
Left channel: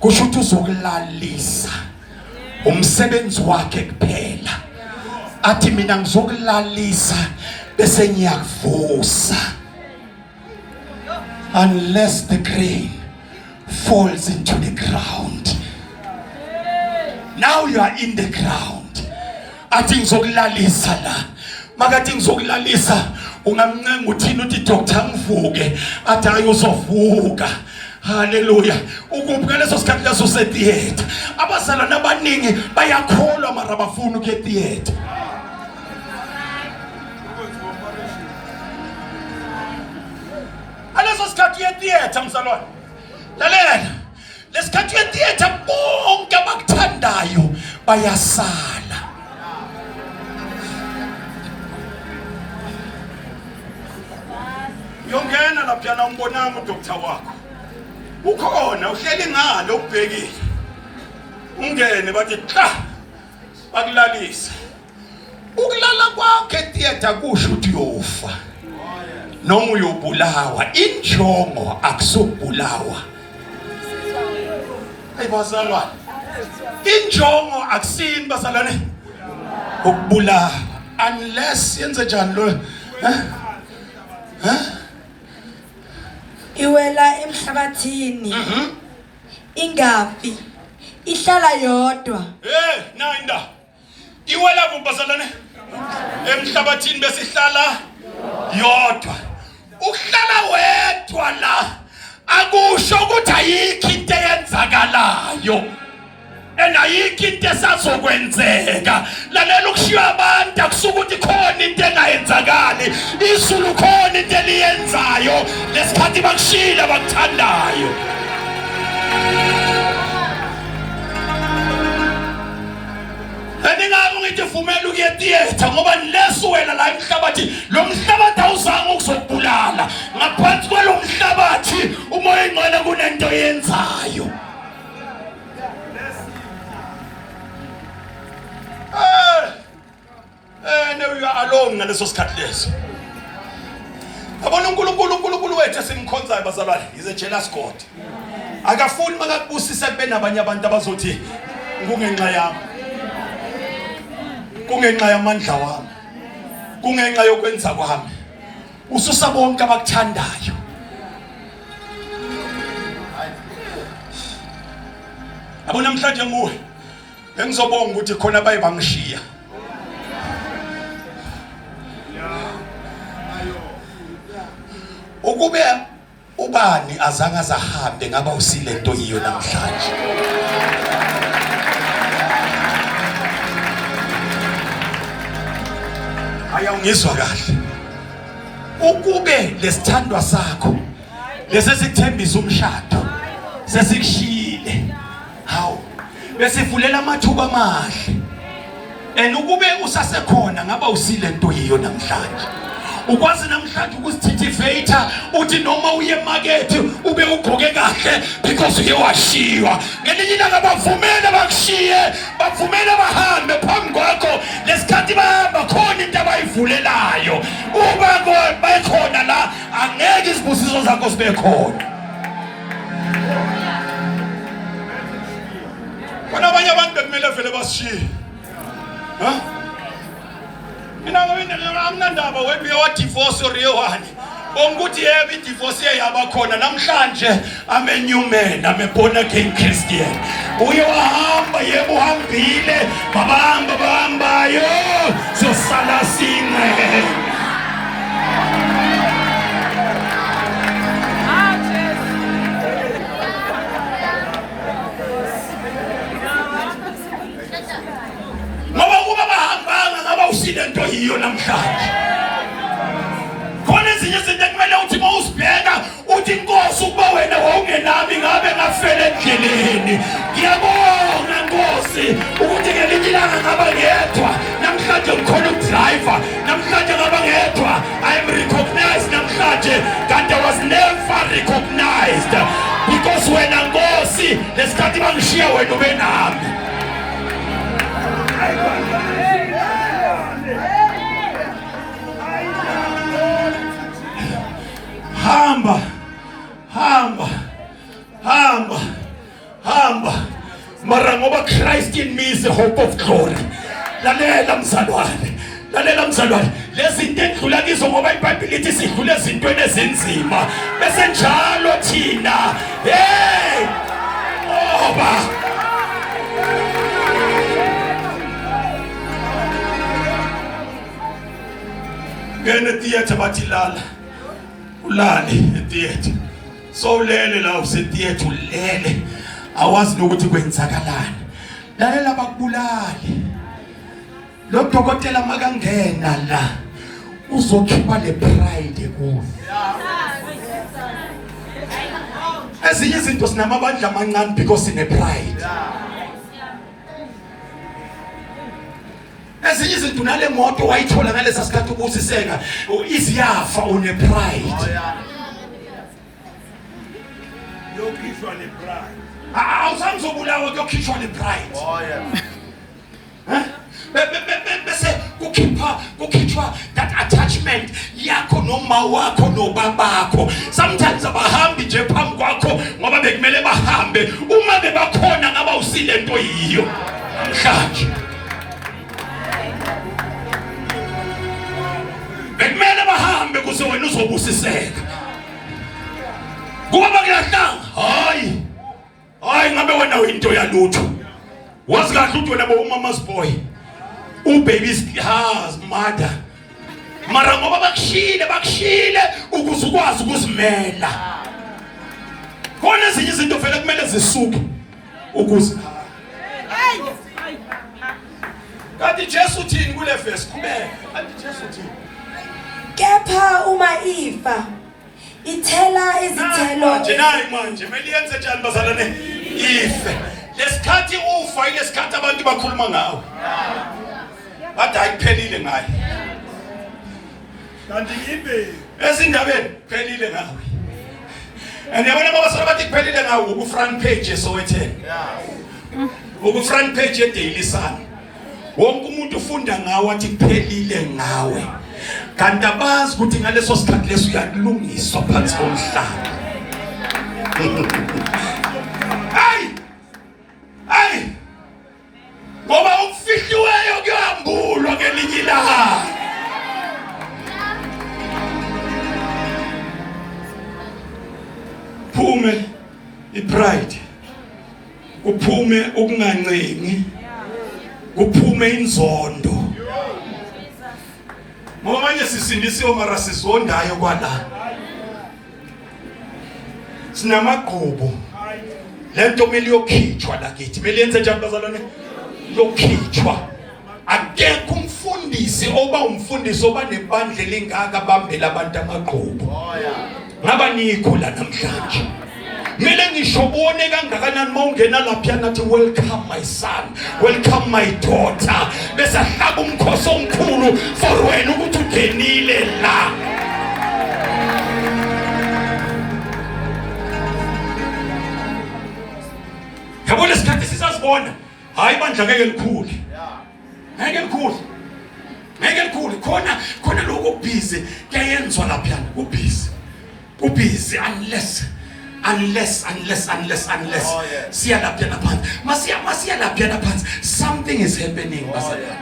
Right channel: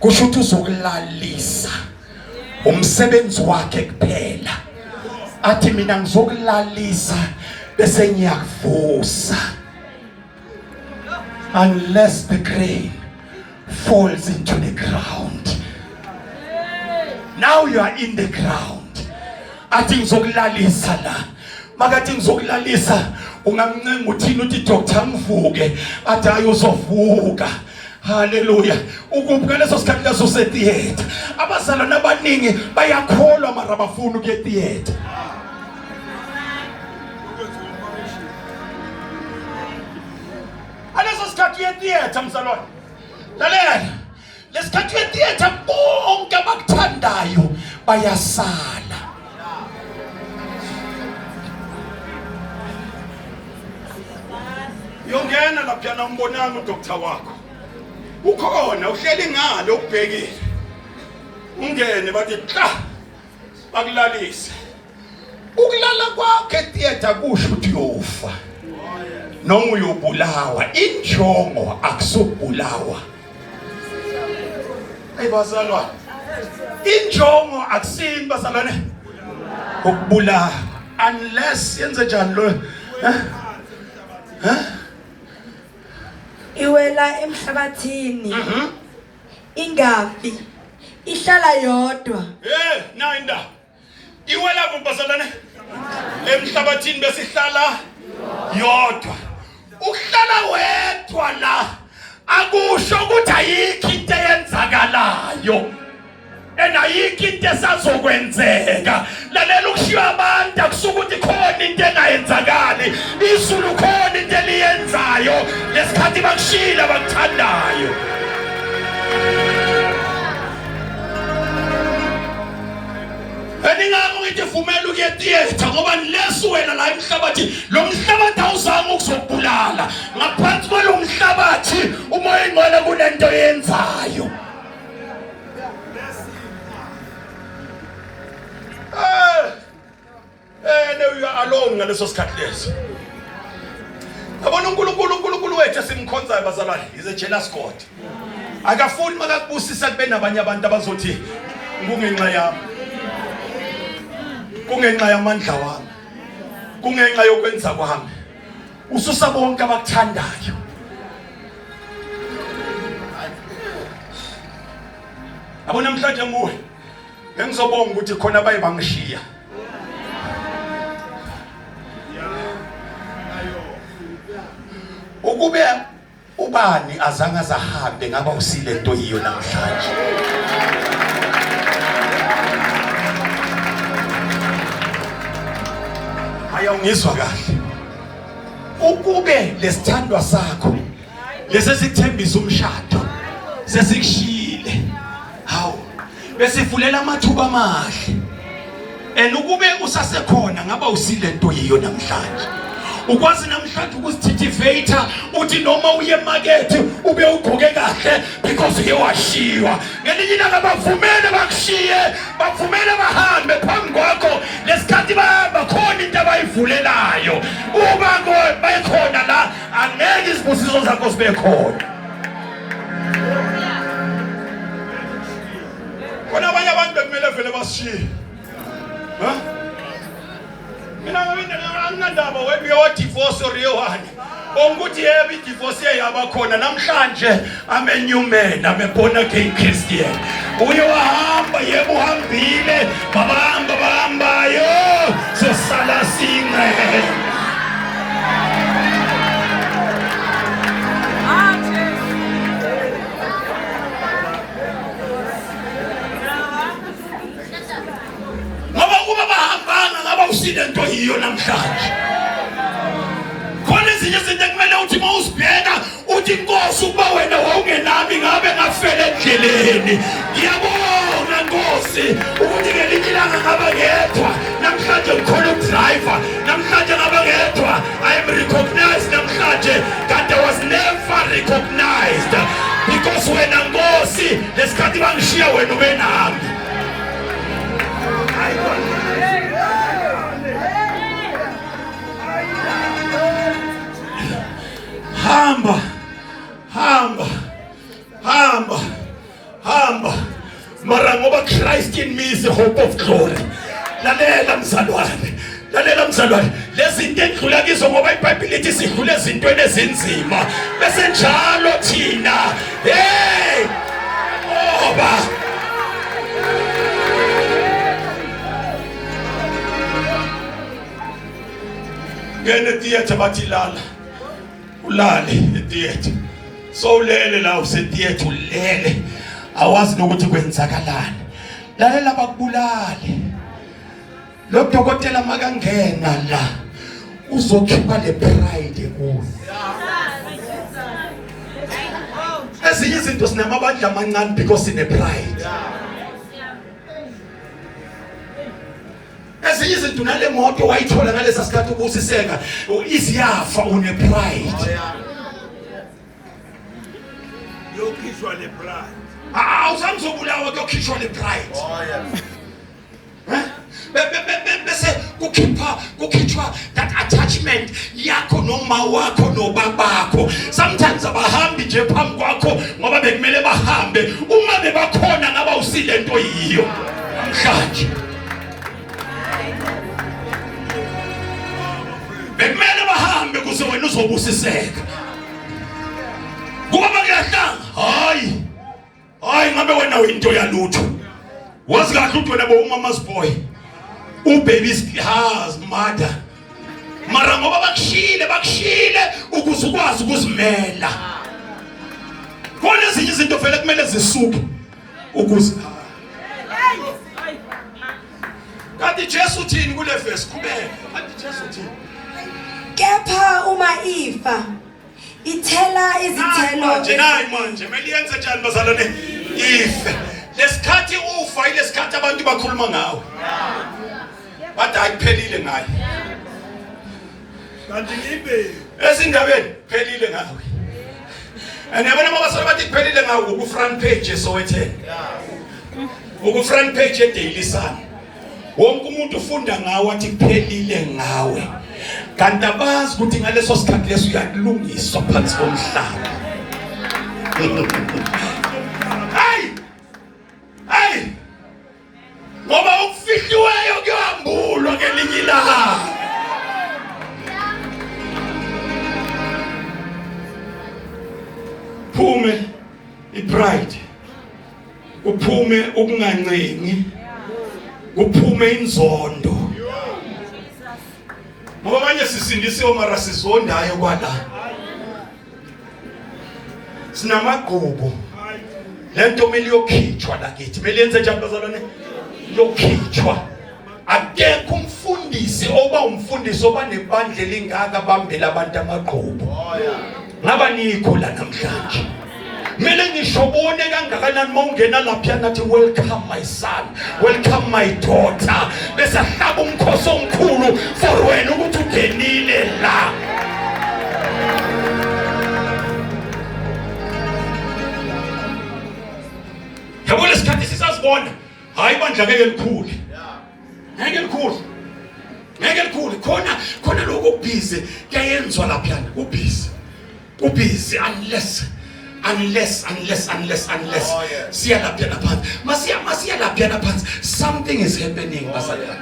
kusho ukuthi uzokulalisa umsebenzi wakhe kuphela athi mina ngizokulalisa bese ngiyakuvusa unless the grain falls into the ground now you are in the ground athi ngizokulalisa la makathi ngizokulalisa ungamncenga uthini uthi doctor ngivuke athi ayozovuka haleluya ukubuka leso sikhathi leso setheater abazalwana abaningi bayakholwa mara bafuna ukuye theater aleso sikhathi ye theater mzalwane lalela lesikhathi ye theater bonke abakuthandayo bayasala yongena laphana umbonana udoctor wakho ukhona uhleli ngale ubhekile ungene bathi cha bakulalisa ukulala kwakhe theater kusho ukuthi uyofa noma uyobulawa injongo akusubulawa ayibazalwa injongo akusini bazalwane ukubulawa unless yenze njani lo iwela emhlabathini ingafi ihlala yodwa nayinda iwela kumbazalane emhlabathini bese ihlala yodwa ukuhlala wedwa la akusho ukuthi ayikho into eyenzakalayo ayikho into esazokwenzeka lalela ukushiya abantu akusuka ukuthi khona into engayenzakali izulu khona into eliyenzayo lesikhathi bakushila bakuthandayo Eningabo ngithi vumela ukuye theater ngoba leso wena la emhlabathi lo mhlabathi awuzange ukuzokubulala ngaphansi kwalo mhlabathi umoya ingcwele kunento yenzayo you are alone ngaleso sikhathi leso abona uNkulunkulu wethu esimkhonzayo bazalwane is a jealous God akafuni makakubusisa kube nabanye abantu abazothi kungenxa yami kungenxa yamandla wami kungenxa yokwenza kwami ususa bonke abakuthandayo abona namhlanje nguwe ngizobonga ukuthi khona baye bangishiya ukube ubani azange azahambe ngaba usile into yiyo namhlanje Ayawungizwa kahle. Ukube lesithandwa sakho lesesikuthembisa umshado sesikushile. Hawu. Besivulela amathuba amahle. Ukube usasekhona ngaba usilento yiyo namhlanje. Ukwazi namhlanje ukuzithithivator uthi noma uye emarket ube ugqoke kahle because uke washiwa. Ngelinye ilanga bavumele bakushiye, bavumele bahambe phambi kwakho lesikhathi bahamba khona into abayivulelayo. Uma bayikhona la angeke izibusiso zakho sibe khona. Bona abanye abantu bekumele vele bashiye. Mina ngamindaba webuye wa divorce oriyewani. Onguthi yebo idivorce yaba khona namhlanje ame new man, ame born again Christian. Uye wahamba yebo uhambile, bahambayo sosala sinqe. Usile nto yiyo namhlanje. Khona ezinye izinto ekumele uthi mawusibheka uthi Nkosi ukuba wena wawungenami ngabe ngafela endleleni. Ngiyabonga Nkosi ukuthi ngelinye ilanga ngaba ngedwa. Namhlanje ngikhona udriver. Namhlanje ngaba ngedwa. I am recognized namhlanje. Kanti I was never recognized. Because wena Nkosi lesikhathi bangishiya wena ube nami. Hamba. Mara ngoba Christ in me is the hope of glory. Lalela mzalwane. Lezi zinto endlula kizo ngoba iBhayibheli lithi sidlule ezintweni ezinzima. Bese njalo thina. Hey! Oba. Ngene theater bathi lala. Ulale etheater. So ulele la usetheater ulele. Awazi nokuthi kwenzakalani. Lalela bakubulale. Lo dokotela makangena la. Uzokhipha le pride kuwe. Ezinye izinto sinamabandla amancane because sine pride. Ezinye izinto nale moto wayithola ngalesa sikhathi ubusiseka iziyafa une pride. Yokhishwa le pride. Awusamzobulawa kuyokhishwa le pride. Oh yeah. Bese kukhitshwa that attachment yakho noma wakho nobabakho. Sometimes abahambi nje phambi kwakho ngoba bekumele bahambe uma bebakhona ngaba usile nto yiyo namhlanje. Bekumele bahambe kuze wena uzobusiseka. Kuba bakuyahlanga. Hayi ngabe wena uyinto yalutho. Wazi kahle ukuthi wena bomama's boy. Ubaby's mother. Mara ngoba bakushile ukuze ukwazi ukuzimela. Khona ezinye izinto vele kumele zisuke ukuze. Kanti Jesu uthini kule verse kubeka? Kanti Jesu uthini? Kepha uma ifa ithela izithelo. Manje meliyenze njani bazalwane? Ife. Lesikhathi ufa ilesikhathi abantu bakhuluma ngawe. Bathi ayiphelile ngaye. Kanti ibe ezindabeni phelile ngawe. Yabona mabasala bathi kuphelile ngawe ku front page eSowetan. Ku front page eDaily Sun. Wonke umuntu ufunda ngawe athi kuphelile ngawe. Kanti abazi ukuthi ngaleso sikhathi leso uyakulungiswa phansi komhlaba. Hey! Ngoba ukufihliweyo kuyambulwa ngelinye ilanga. Phume ipride. Uphume ukungancengi. Kuphume inzondo. Ngoba manje sisindisiwe mara sizondayo kwala. Sinamagqubu. Lento mele yokhitshwa la kithi. Mele yenze njani bazalwane? Yokhitshwa. Akekho umfundi busy oba umfundisi oba nebandla elingaka bambela abantu amaqhubu. Ngaba nikhula namhlanje. Mele ngisho ubone kangakanani mawungena lapha nathi welcome my son, welcome my daughter. Bese hlaba umkhosi omkhulu for wena ukuthi ungenile la. Yabo lesikhathi sisazibona hayi bandla ngeke likhule. Ngeke likhule. Ngeke likhule khona lokho busy kuyenzwa lapha ubusy. Ubusy unless siya lapha naphansi. Masiya lapha naphansi. Something is happening basadala.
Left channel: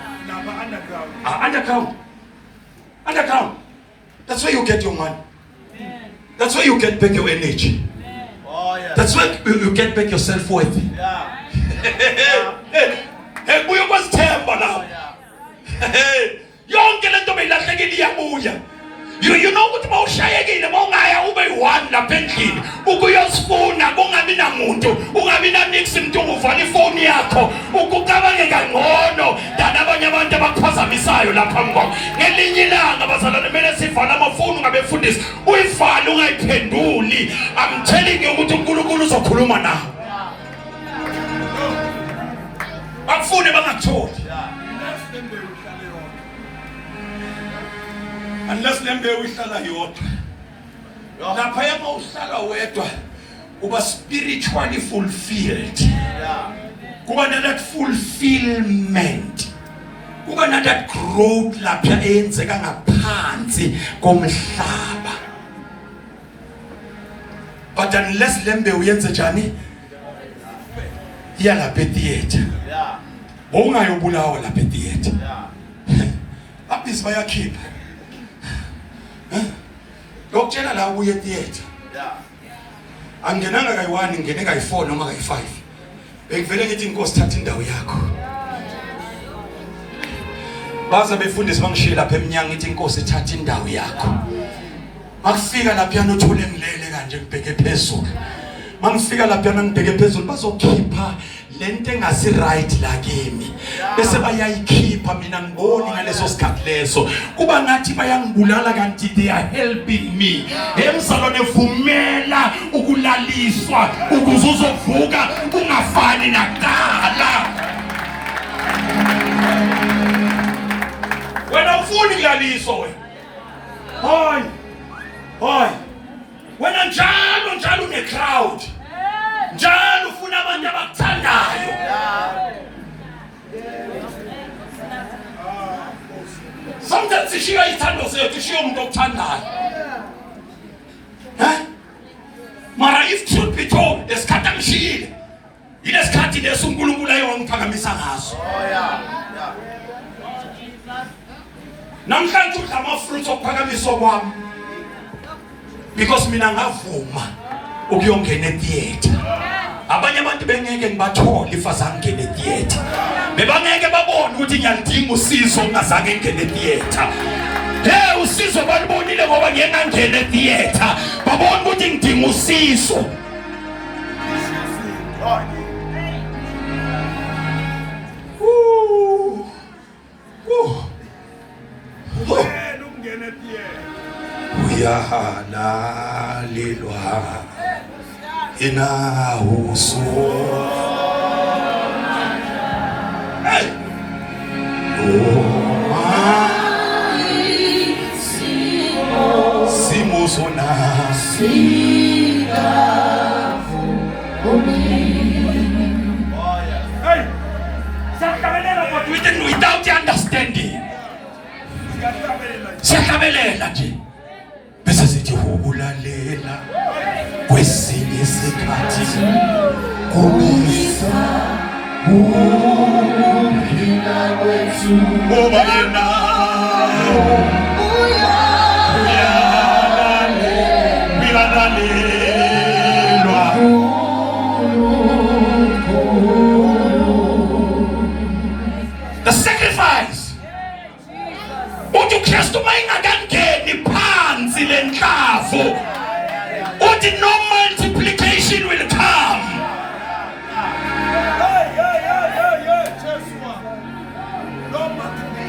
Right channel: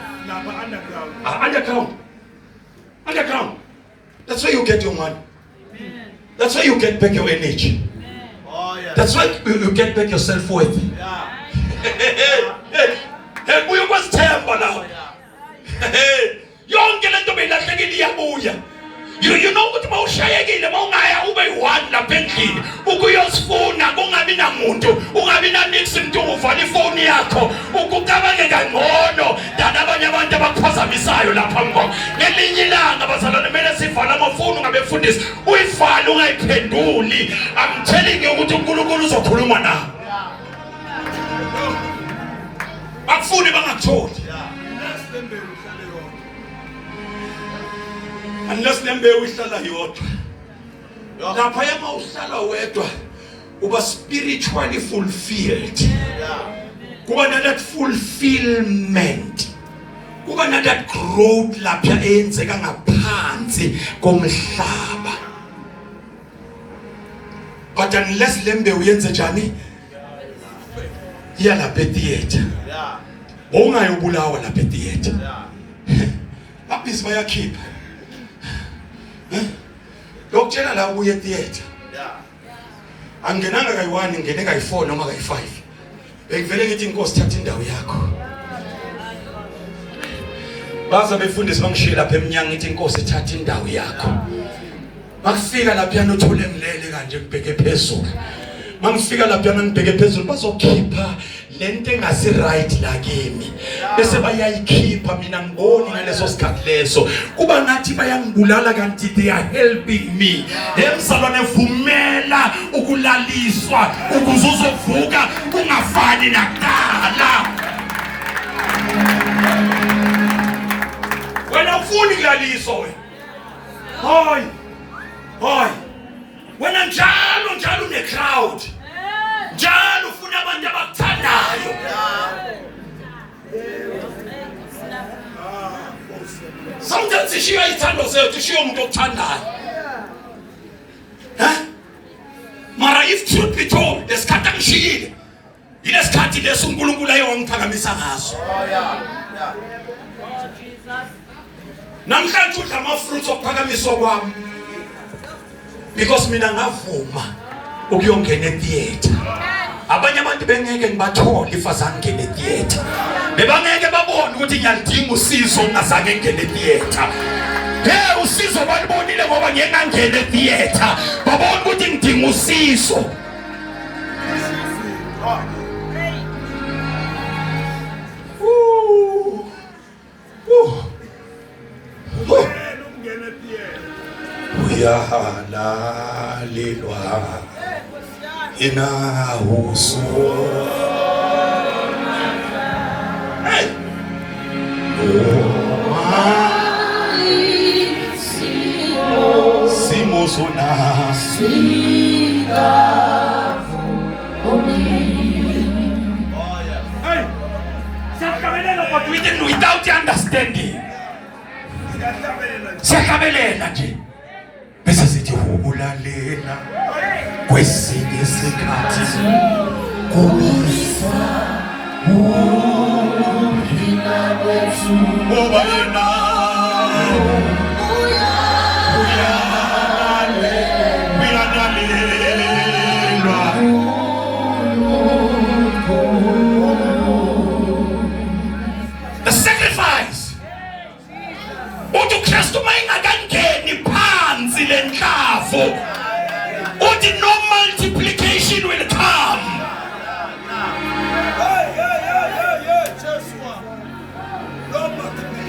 Underground. That's where you get your money. That's where you get back your energy. That's why you get back your self-worth. Hey, uyokuzithemba la. Yonke lento beyilahlekile iyabuya. You know ukuthi mawushayekile mawungaya ube yi-1 lapha endlini ukuyosifuna kungabi namuntu ungabi nanix mntu uvala ifoni yakho ukucabange kangcono dana abanye abantu abakuphazamisayo lapha ngqo ngelinye ilanga bazalwane kumele sivala amafoni ungabefundisi uyivale ungayiphenduli. I'm telling you ukuthi uNkulunkulu uzokhuluma nawe bakufune bangakutholi unless lembewu ihlala yodwa. Lapha yama uhlala wedwa uba spiritually fulfilled. Kuba na that fulfillment. Kuba na that growth lapha eyenzeka ngaphansi komhlaba. But unless lembewu yenze njani? Iyalapha theater. Ungayobulawa lapha theater. Abisi bayakhipha. Lokutshela la ubuye theater. Angenanga kayi1 ngene kayi4 noma kayi5. Bengivele ngithi inkosi thatha indawo yakho. Baza befundisi bangishiye lapha eminyanga ngithi inkosi thatha indawo yakho. Makufika lapha yana uthule ngilele kanje kubheke phezulu. Mangifika lapha yana ngibheke phezulu bazokhipha lento engasi right la kimi. Bese bayayikhipha mina ngiboni ngaleso sikhathi leso kuba ngathi bayangibulala kanti they are helping me. Emsalwane vumela ukulaliswa ukuze uzovuka ungafani nakuqala. Wena ufuni kulaliswa wena. Hoy. Wena njalo une crowd. Njalo ufuna abantu abakuthandayo. Sometimes ishiya ithando zethu ishiya umuntu okuthandayo. Mara if truth be told, lesikhathi angishiyile. Yilesikhathi leso uNkulunkulu ayewangiphakamisa ngaso. Namhlanje udla amafruits okuphakamiswa kwami. Because mina ngavuma ukuyongena etheater. Abanye abantu bengeke ngibathole ifazange ngene theater. Bebangeke babone ukuthi ngiyalidinga usizo ngazange ngene theater. Hey usizo balibonile ngoba ngiyena ngene theater. Babone ukuthi ngidinga usizo. Ungene theater. Uyahalalelwa inahuso. Hey! Simo sona Hey! Without understanding. Siyakabelela nje. Bese sithi ukulalela kwesinye isikhathi kubisa uphila wethu ngoba yena uyalalelwa. The sacrifice uthi uKristu mayingakangeni phansi lenhlavu uthi no multiplication will come.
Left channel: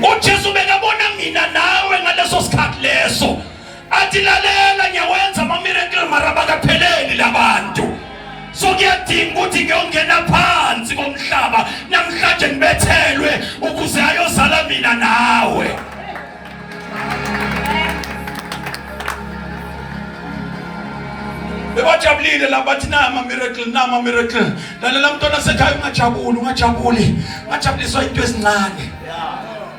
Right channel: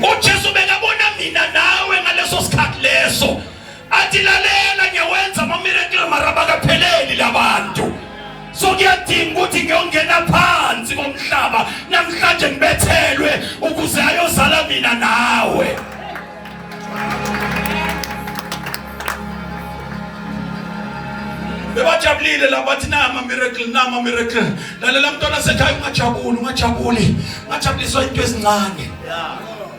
uJesu bekabo mina nawe ngaleso sikhathi leso athi lalela ngiyawenza ama miracle maraba kapheleli labantu so kuyadinga ukuthi ngiyongena phansi komhlaba namhlanje ngibethelwe ukuze ayozala mina nawe. Bebajabulile labathi nama miracle lalela mntwana sekhaya ungajabuliswa into ezincane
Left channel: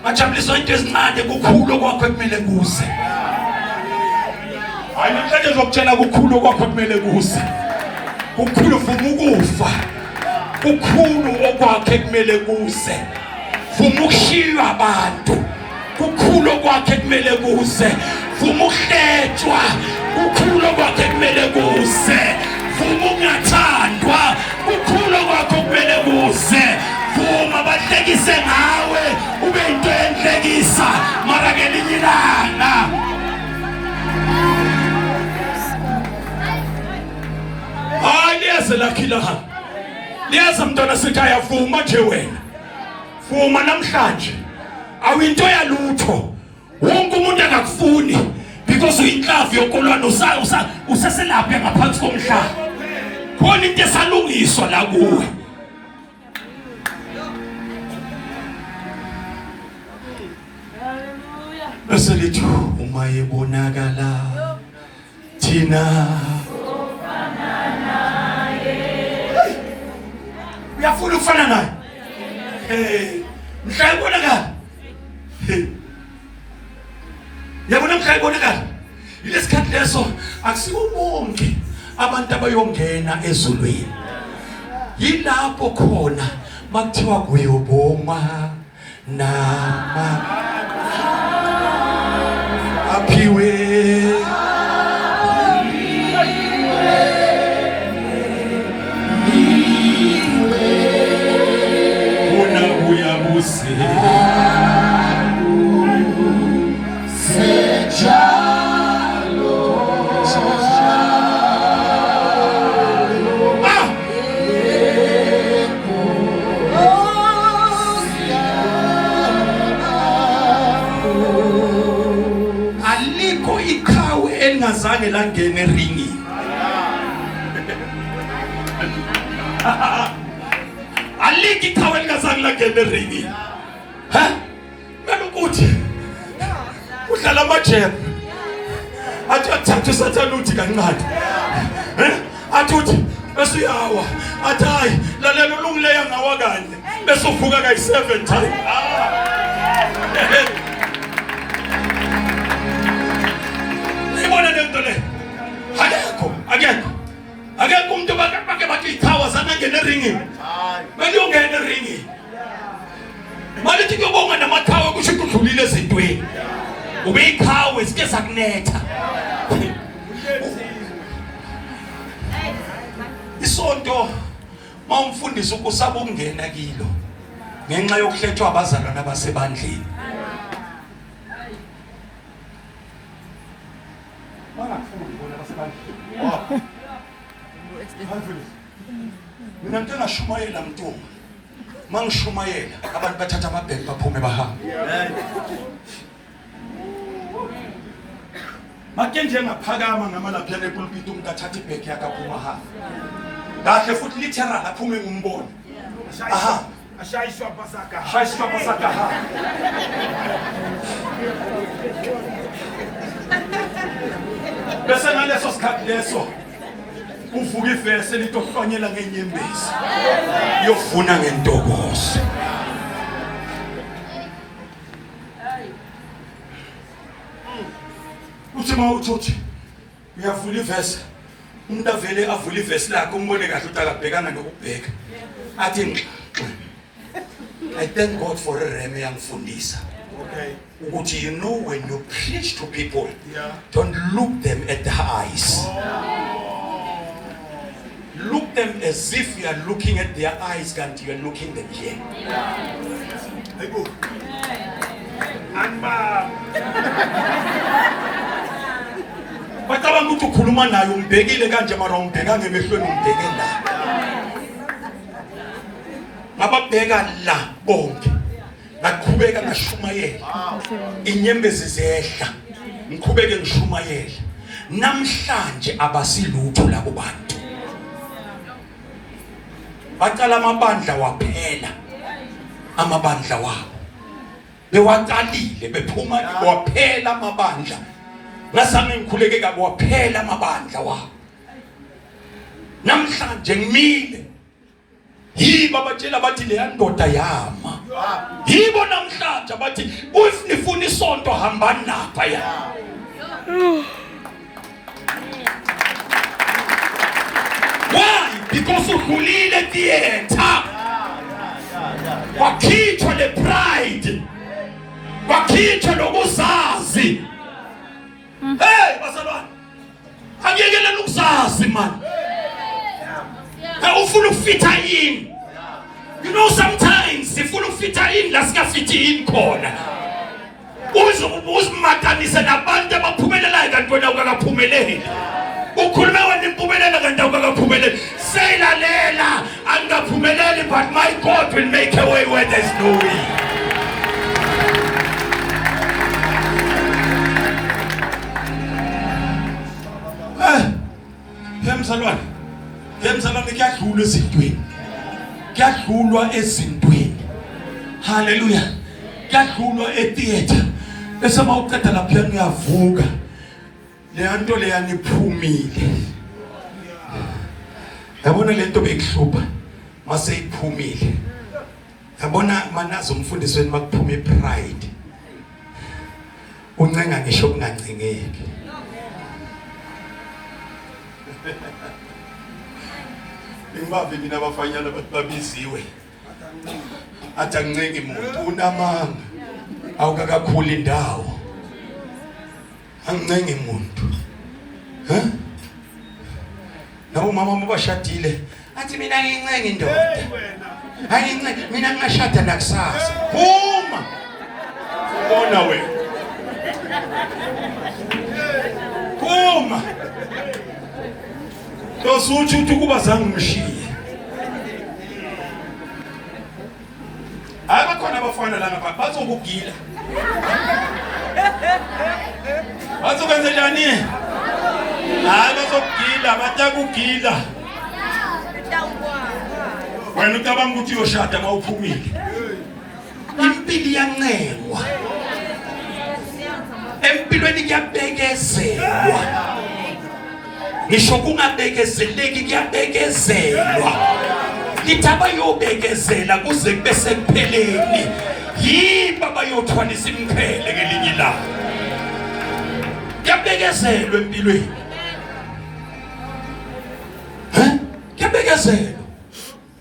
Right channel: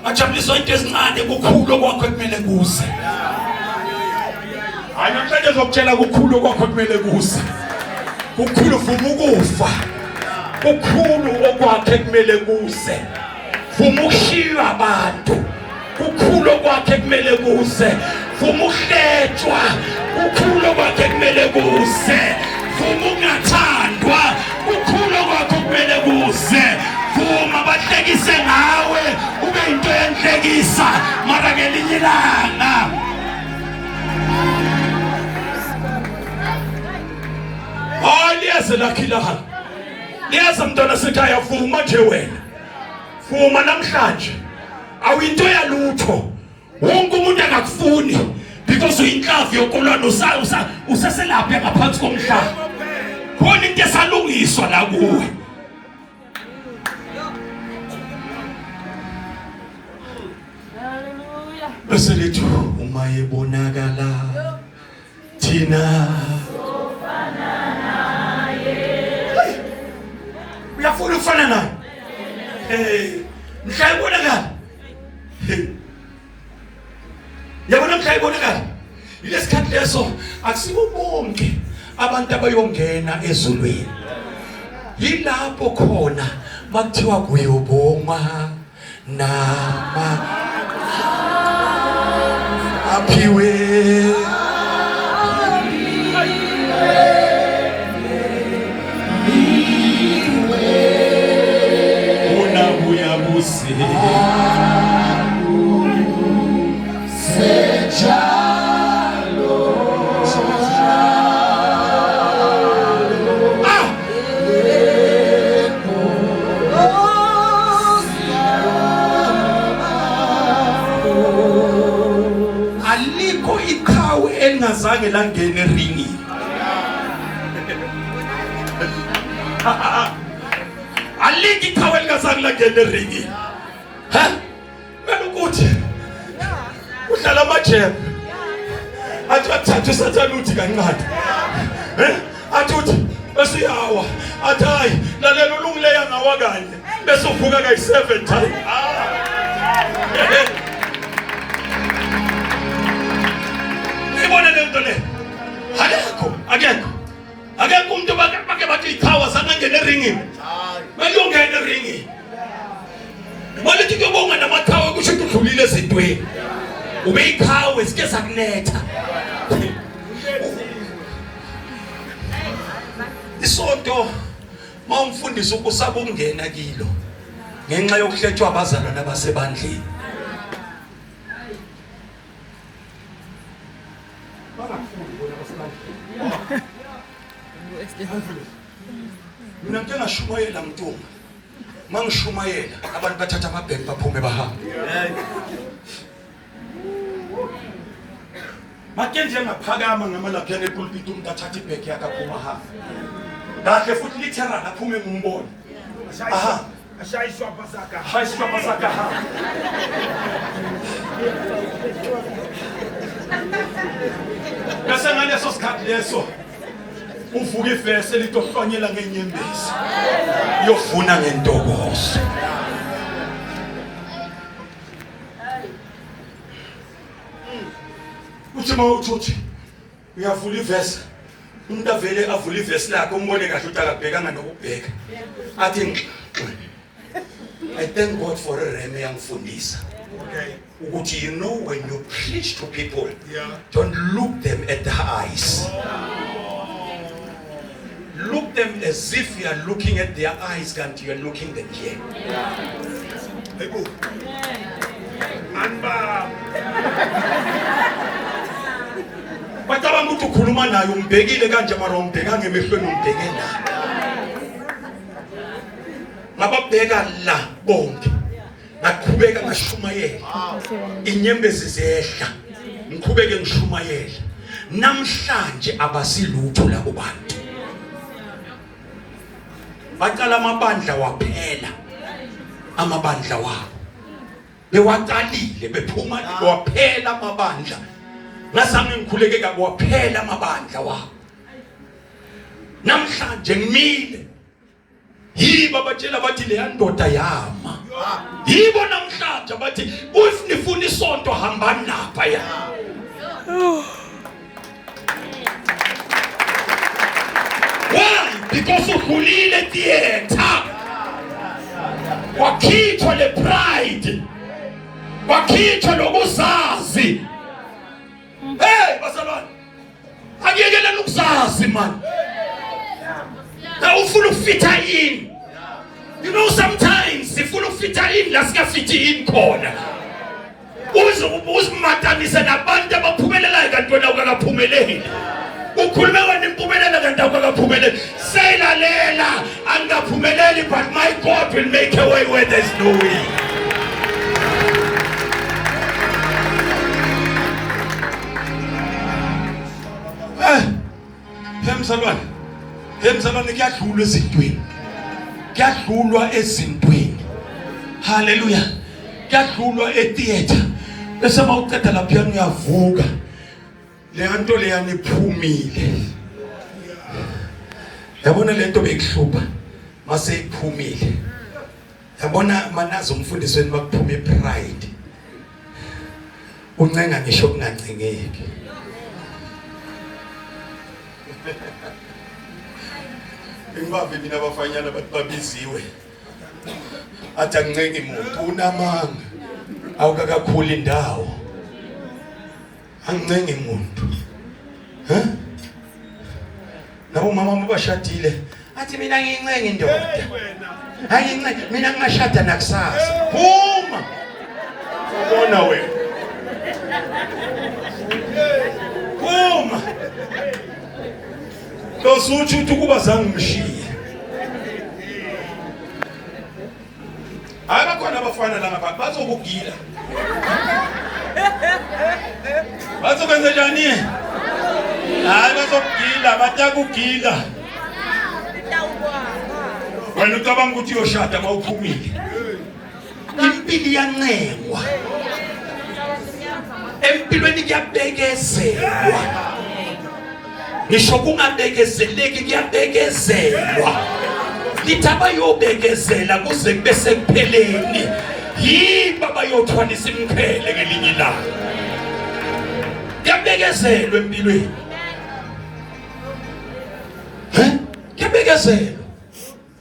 ngajabuliswa into ezincane kukhulu kwakho ekumele kuze hayi namhlanje ngizokutshela kukhulu kwakho ekumele kuze kukhulu vuma ukufa kukhulu okwakhe ekumele kuze vuma ukushiywa abantu kukhulu kwakhe ekumele kuze vuma ukuhletshwa kukhulu kwakhe kumele kuze vuma ungathandwa kukhulu kwakhe kumele kuze vuma bahlekise ngawe ube into yenhlekisa mara ngelinye ilanga hayi liyeze lakhila liyeza mntwana sekhaya vuma nje wena vuma namhlanje awinto yalutho wonke umuntu akakufuni because uyinhlavu yokolwana usaselapha ngaphansi komhlaba khona into esalungiswa la kuwe bese lithi uma ebonakala thina uyafuna ukufana naye mhla ebonakala yabona mhla ibonakala ilesikhathi leso akusibo bonke abantu abayongena ezulwini yilapho khona makuthiwa kuyobonga nama aphiwe una uyabuse elingazange langena eringi aliki iqhawe elingazange langena eringi ukuthi udlala amajebe athi athathe usathana uthi kancane athi uthi bese yawa athi hayi lalela ulungileya ngawa kanye bese uvuka kayi7 time ibona lento le akekho umuntu bake bathi iqhawe sangena eringini beliyongena eringini malithi kuyobonga namaqhawe kusho ukuthi udlulile ezintweni ube iqhawe sike sakunetha isonto mawumfundisa ukusaba ukungena kilo ngenxa yokuhletshwa abazalwana basebandleni mina ngike ngashumayela mntunga mangishumayela abantu bathatha amabheki baphume bahamba make nje ngaphakama ngamalapha epulpit umuntu athatha ibheki yakhe aphuma hamba kahle futhi literal aphume ngumbono aha ashayiswa pasaka bese ngaleso sikhathi leso uvuka ivese litohlonyela ngenyembezi yovuna ngentokozo uthi mawuthuthi uyavula ivese umuntu avele avula ivese lakhe umbone kahle ukuthi akabhekanga nokubheka athi I thank God for a reme yangifundisa ukuthi you know when you preach to people don't look them at the eyes look them as if you are looking at their eyes kanti you are looking them here Ego anba bataba ukuthi ukhuluma naye umbhekile kanje mara umbheka ngemehlweni umbheke la mababheka la bonke ngiqhubeka ngashumayela inyembezi zehla ngiqhubeke ngishumayela namhlanje abasilutho la kubantu baqala amabandla waphela amabandla wabo bewaqalile bephuma waphela amabandla ngasami ngikhuleke kabi waphela amabandla wabo namhlanje ngimile yiba batshela bathi le ndoda yama yibo namhlanje bathi nifuna isonto hambani lapha ya why because ukhulile theater wakhithwa le pride wakhithwa lokuzazi hey basalwana angiyekela ukuzazi man ufuna ukufita in you know sometimes sifuna ukufita in la sikafiti in khona uzimatanise nabantu abaphumelelayo kanti wena ukakaphumeleli ukhuluma wena impumelelo kanti ukakaphumeleli seyilalela angaphumeleli but my God will make a way where there's no way. Hemsalwane kuyadlulwa ezintweni kuyadlulwa ezintweni haleluya kuyadlulwa etheater bese mawuqeda lapha ngiyavuka le nto le yaniphumile yabona le nto bekuhlupha mase iphumile yabona manazo umfundisweni makuphuma ipride uncenga ngisho kungancengeki Ingabe mina abafanyana bathi babiziwe athi angincenge umuntu unamanga awukakakhula indawo angincenge umuntu nabo mama mabashadile athi mina ngincenge indoda ayincenga mina ngashada nakusasa uma ubona wena uma Tosuthi ukuba zange umshiye. Abakhona abafana la ngapha bazokugila. Bazokwenza njani? Hayi bazokugila, batakugila. Wena ucabanga ukuthi uyoshada mawuphumile. Impilo iyancengwa. Empilweni kuyabekezelwa. Ngisho kungabekezeleki kuyabekezelwa lithaba yobekezela kuze kube sekupheleni yiba bayothwalisa imqhele ngelinye ilanga kuyabekezelwa empilweni kuyabekezelwa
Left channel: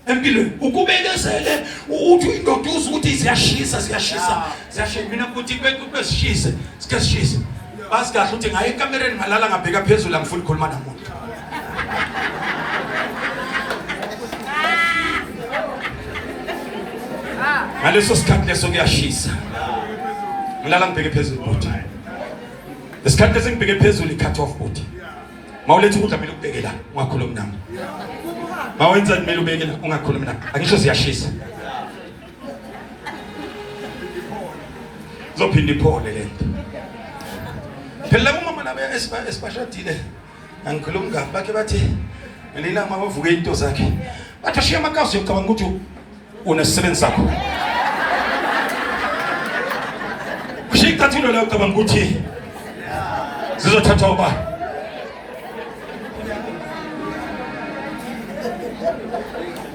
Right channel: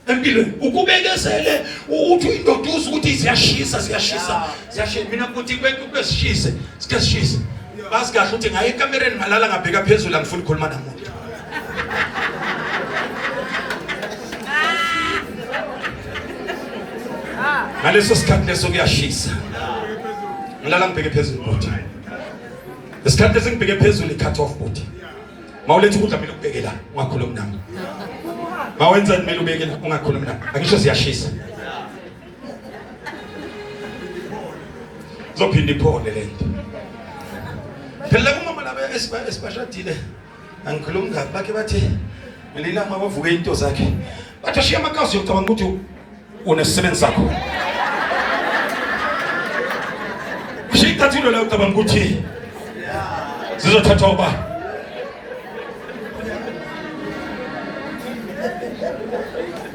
empilweni ukubekezele uthi indoda uze ukuthi ziyashisa mina ukuthi kwesishise sikesishise basi kahle uthi ngaye ekamereni malala ngabheka phezulu angifuni ukukhuluma namuntu ngaleso sikhathi leso kuyashisa ngilala ngibheke phezulu bhuti lesikhathi leso ngibheke phezulu i-cut off bhuti mawuletha ukudla kumele ukubheke la ungakhulumi nami mawenza kumele ubeke la ungakhulumi nami angisho ziyashisa zophinda iphole lento phela umama laba esibashadile angikhulumi ngathi bakhe bathi ngelila mabavuke into zakhe bathi ashiya amakazi yocabanga ukuthi unesisebenzi sakho ushikathilo la ucabanga ukuthi zizothathwa uba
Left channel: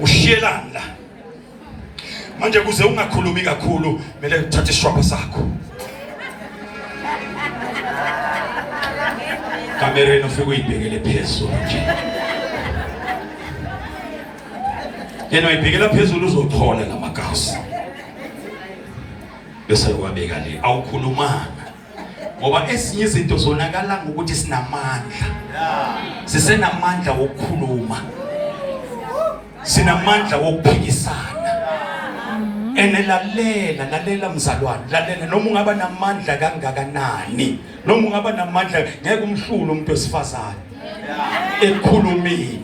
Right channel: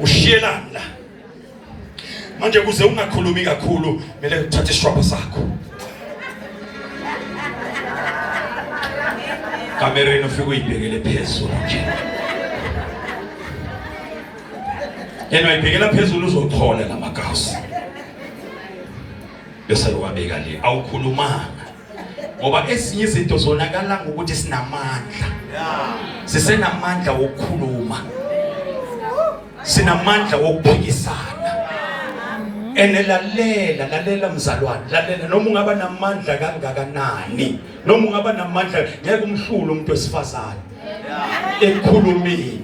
ushiyelana la manje kuze ungakhulumi kakhulu mele uthathe isishwapha sakho kamereni ufike uyibhekele phezulu nje yena uyibhekela phezulu uzothola lamagausi bese uwabeka le awukhulumanga ngoba ezinye izinto zonakala ngokuthi sinamandla sisenamandla wokukhuluma sinamandla wokuphikisana lalela mzalwane lalela noma ungaba namandla kangakanani noma ungaba namandla ngeke umhlule umuntu wesifazane ekhulumeni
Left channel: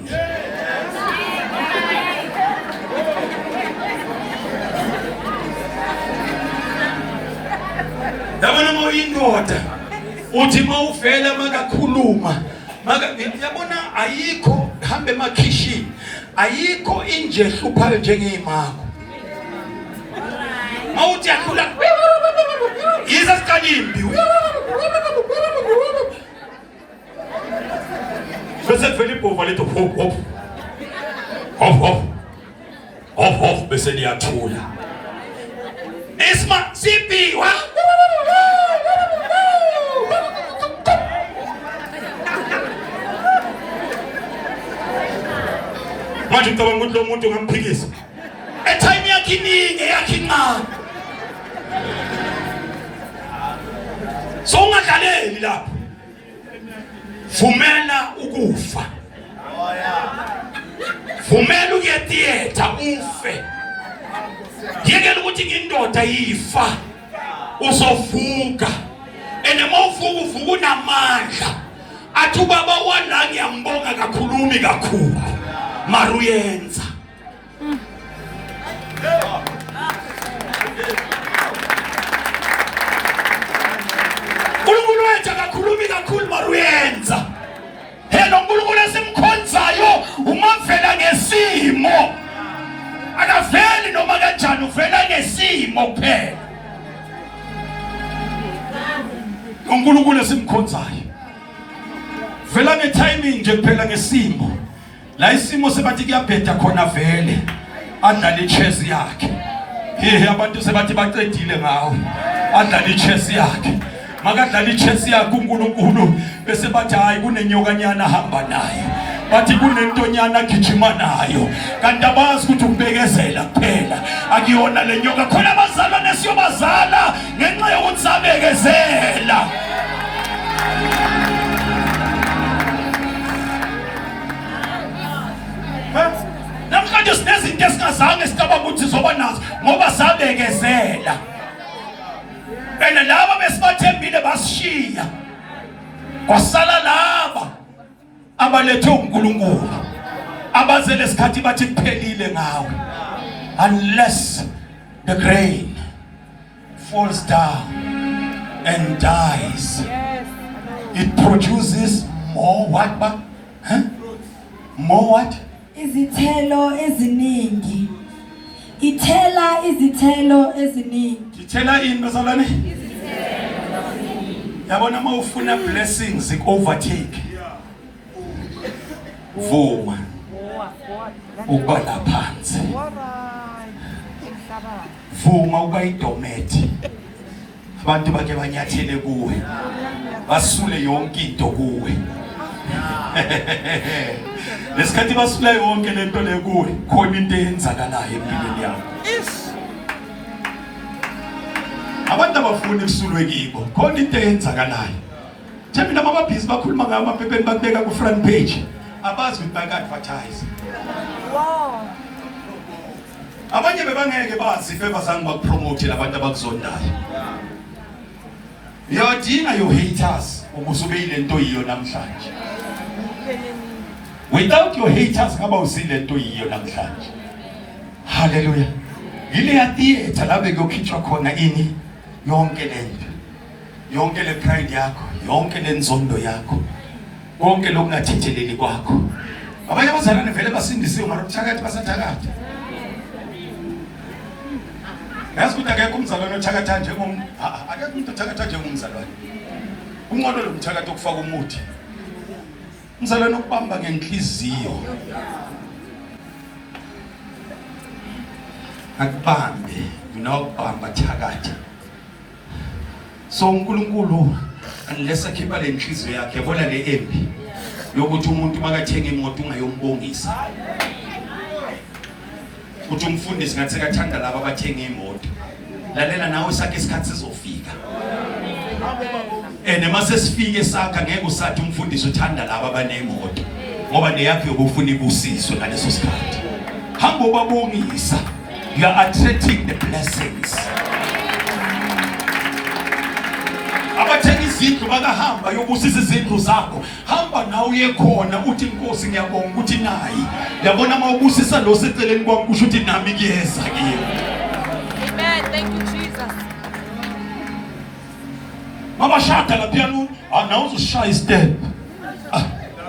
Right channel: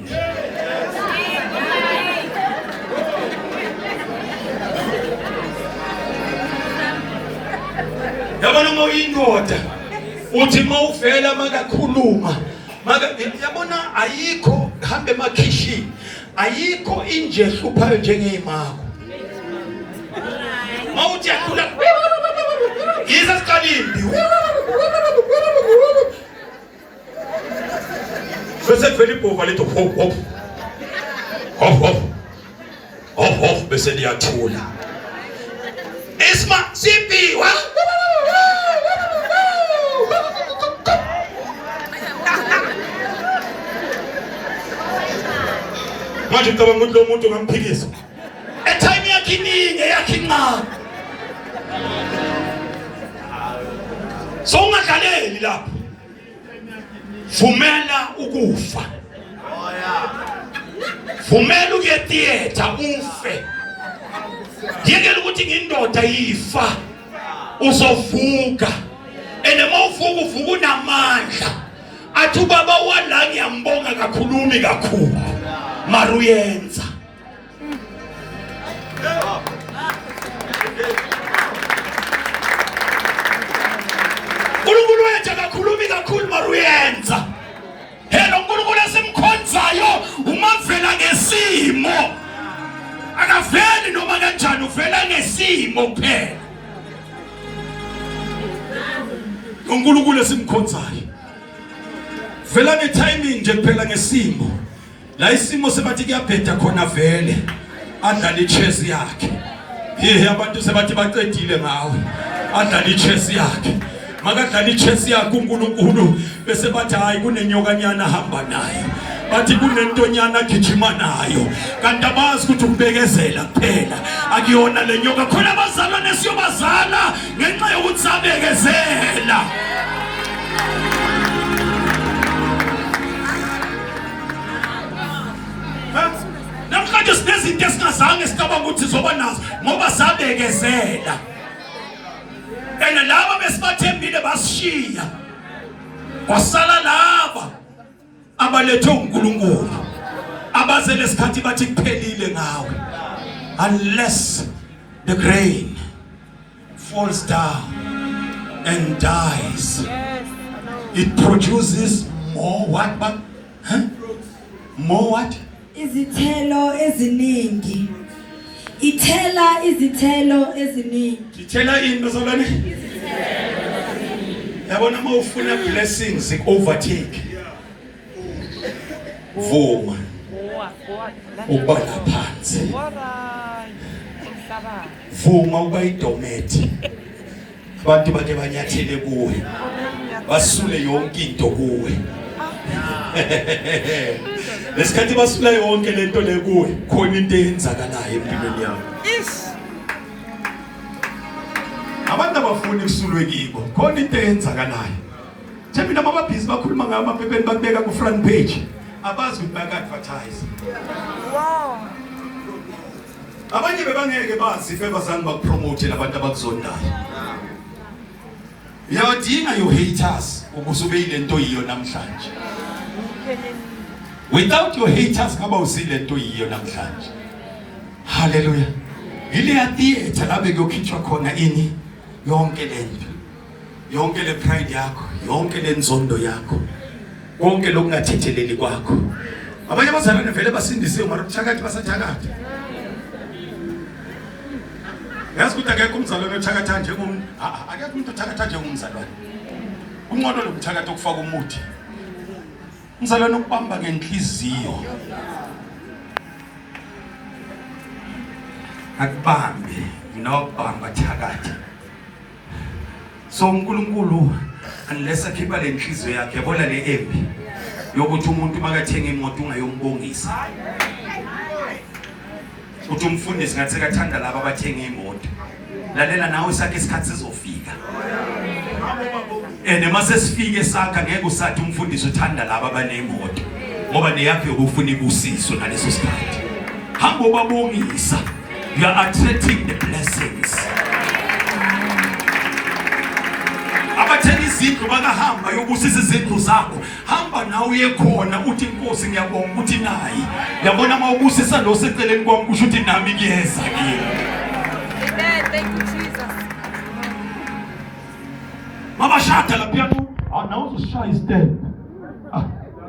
indoda uthi mawuvela makakhuluma yabona ayikho hambe emakhishini ayikho inje hluphayo njengeyimako mawuthi yakhula yiza sikalimbi bese kuvela ibhova lethu hop hop hop hop hop hop bese liyathula isma sipiwa manje ngicabanga ukuthi lo muntu ngamphikisa etime yakhe iningi yakhe incane so ungadlaleli lapho vumela ukufa vumela ukuya theater ufe yekela ukuthi ngindoda yifa uzovuka ene mawuvuka uvuka unamandla athi ubaba wala ngiyambonga kakhulumi kakhulu maruyenza uNkulunkulu wethu akakhulumi kakhulu maruyenza hello uNkulunkulu esimkhonzayo umavela ngesimo akaveli noma kanjani uvela ngesimo kuphela uNkulunkulu esimkhonzayo vela ngetiming nje kuphela ngesimo la isimo sebathi kuyabheda khona vele adlala ichess yakhe abantu sebathi baqedile ngawe adlala ichess yakhe makadlala ichess yakhe uNkulunkulu bese bathi hayi kunenyokanyana hamba nayo bathi kunentonyana gijima nayo kanti abazi ukuthi ukubekezela kuphela akuyona lenyoka khona abazalwane siyobazala ngenxa yokuthi sabekezela namhlanje sinezinto esingazange sicabanga ukuthi sizoba nazo ngoba sabekezela ene laba besibathembile basishiya kwasala laba abalethe uNkulunkulu abaze lesikhathi bathi kuphelile ngawe unless the grain falls down and dies it produces more what but more what izithelo eziningi ithela izithelo eziningi ithela ini bazalwane yabona mawufuna blessings overtake vuma ubala phansi vuma uba idometi abantu bake banyathele kuwe basule yonke into kuwe lesikhathi basule yonke lento le kuwe khona into eyenzakalayo empilweni yakho abantu abafuna ukusulwe kibo khona into eyenzakalayo thembi namabhizi bakhuluma ngayo amaphepheni bakubeka ku front page abazi ukuthi baka-advertise abanye bebangeke bazi bebazange bakupromote labantu abakuzondayo uyadinga your haters ukuze ube yile nto yiyo namhlanje without your haters ngaba usile nto yiyo namhlanje haleluya ile ya theater labe kuyokhitshwa khona ini yonke lento yonke le pride yakho yonke le nzondo yakho konke lokungathetheleli kwakho abanye abazalwane vele basindisiwe mara kuthakathi basathakathi yazi ukuthi akekho umzalwane othakatha njengomuntu akekho umuntu othakatha njengomzalwane umnqondo lo mthakathi okufaka umuthi umzalwane okubamba ngenhliziyo akubambe nokubamba thakatha so uNkulunkulu unless akhipha le nhliziyo yakhe yabona le embi yokuthi umuntu makathenga imoto ungayombongisa uthi umfundisi ngathi sekathanda laba abathenga imoto lalela nawe sakhe isikhathi sizofika mase sifike sakha ngeke usathi umfundisi uthanda laba abanemoto ngoba neyakho yokufuna ibusiswe ngaleso sikhathi hamba ubabongisa you are attracting the blessings abathenga izindlu bakahamba yobusisa izindlu zakho hamba nawe uye khona uthi inkosi ngiyabonga ukuthi nayi yabona mawubusisa lo seceleni kwami kusho ukuthi nami kuyeza kimi amen thank you Jesus mabashada la piano nawuzoshaya istep.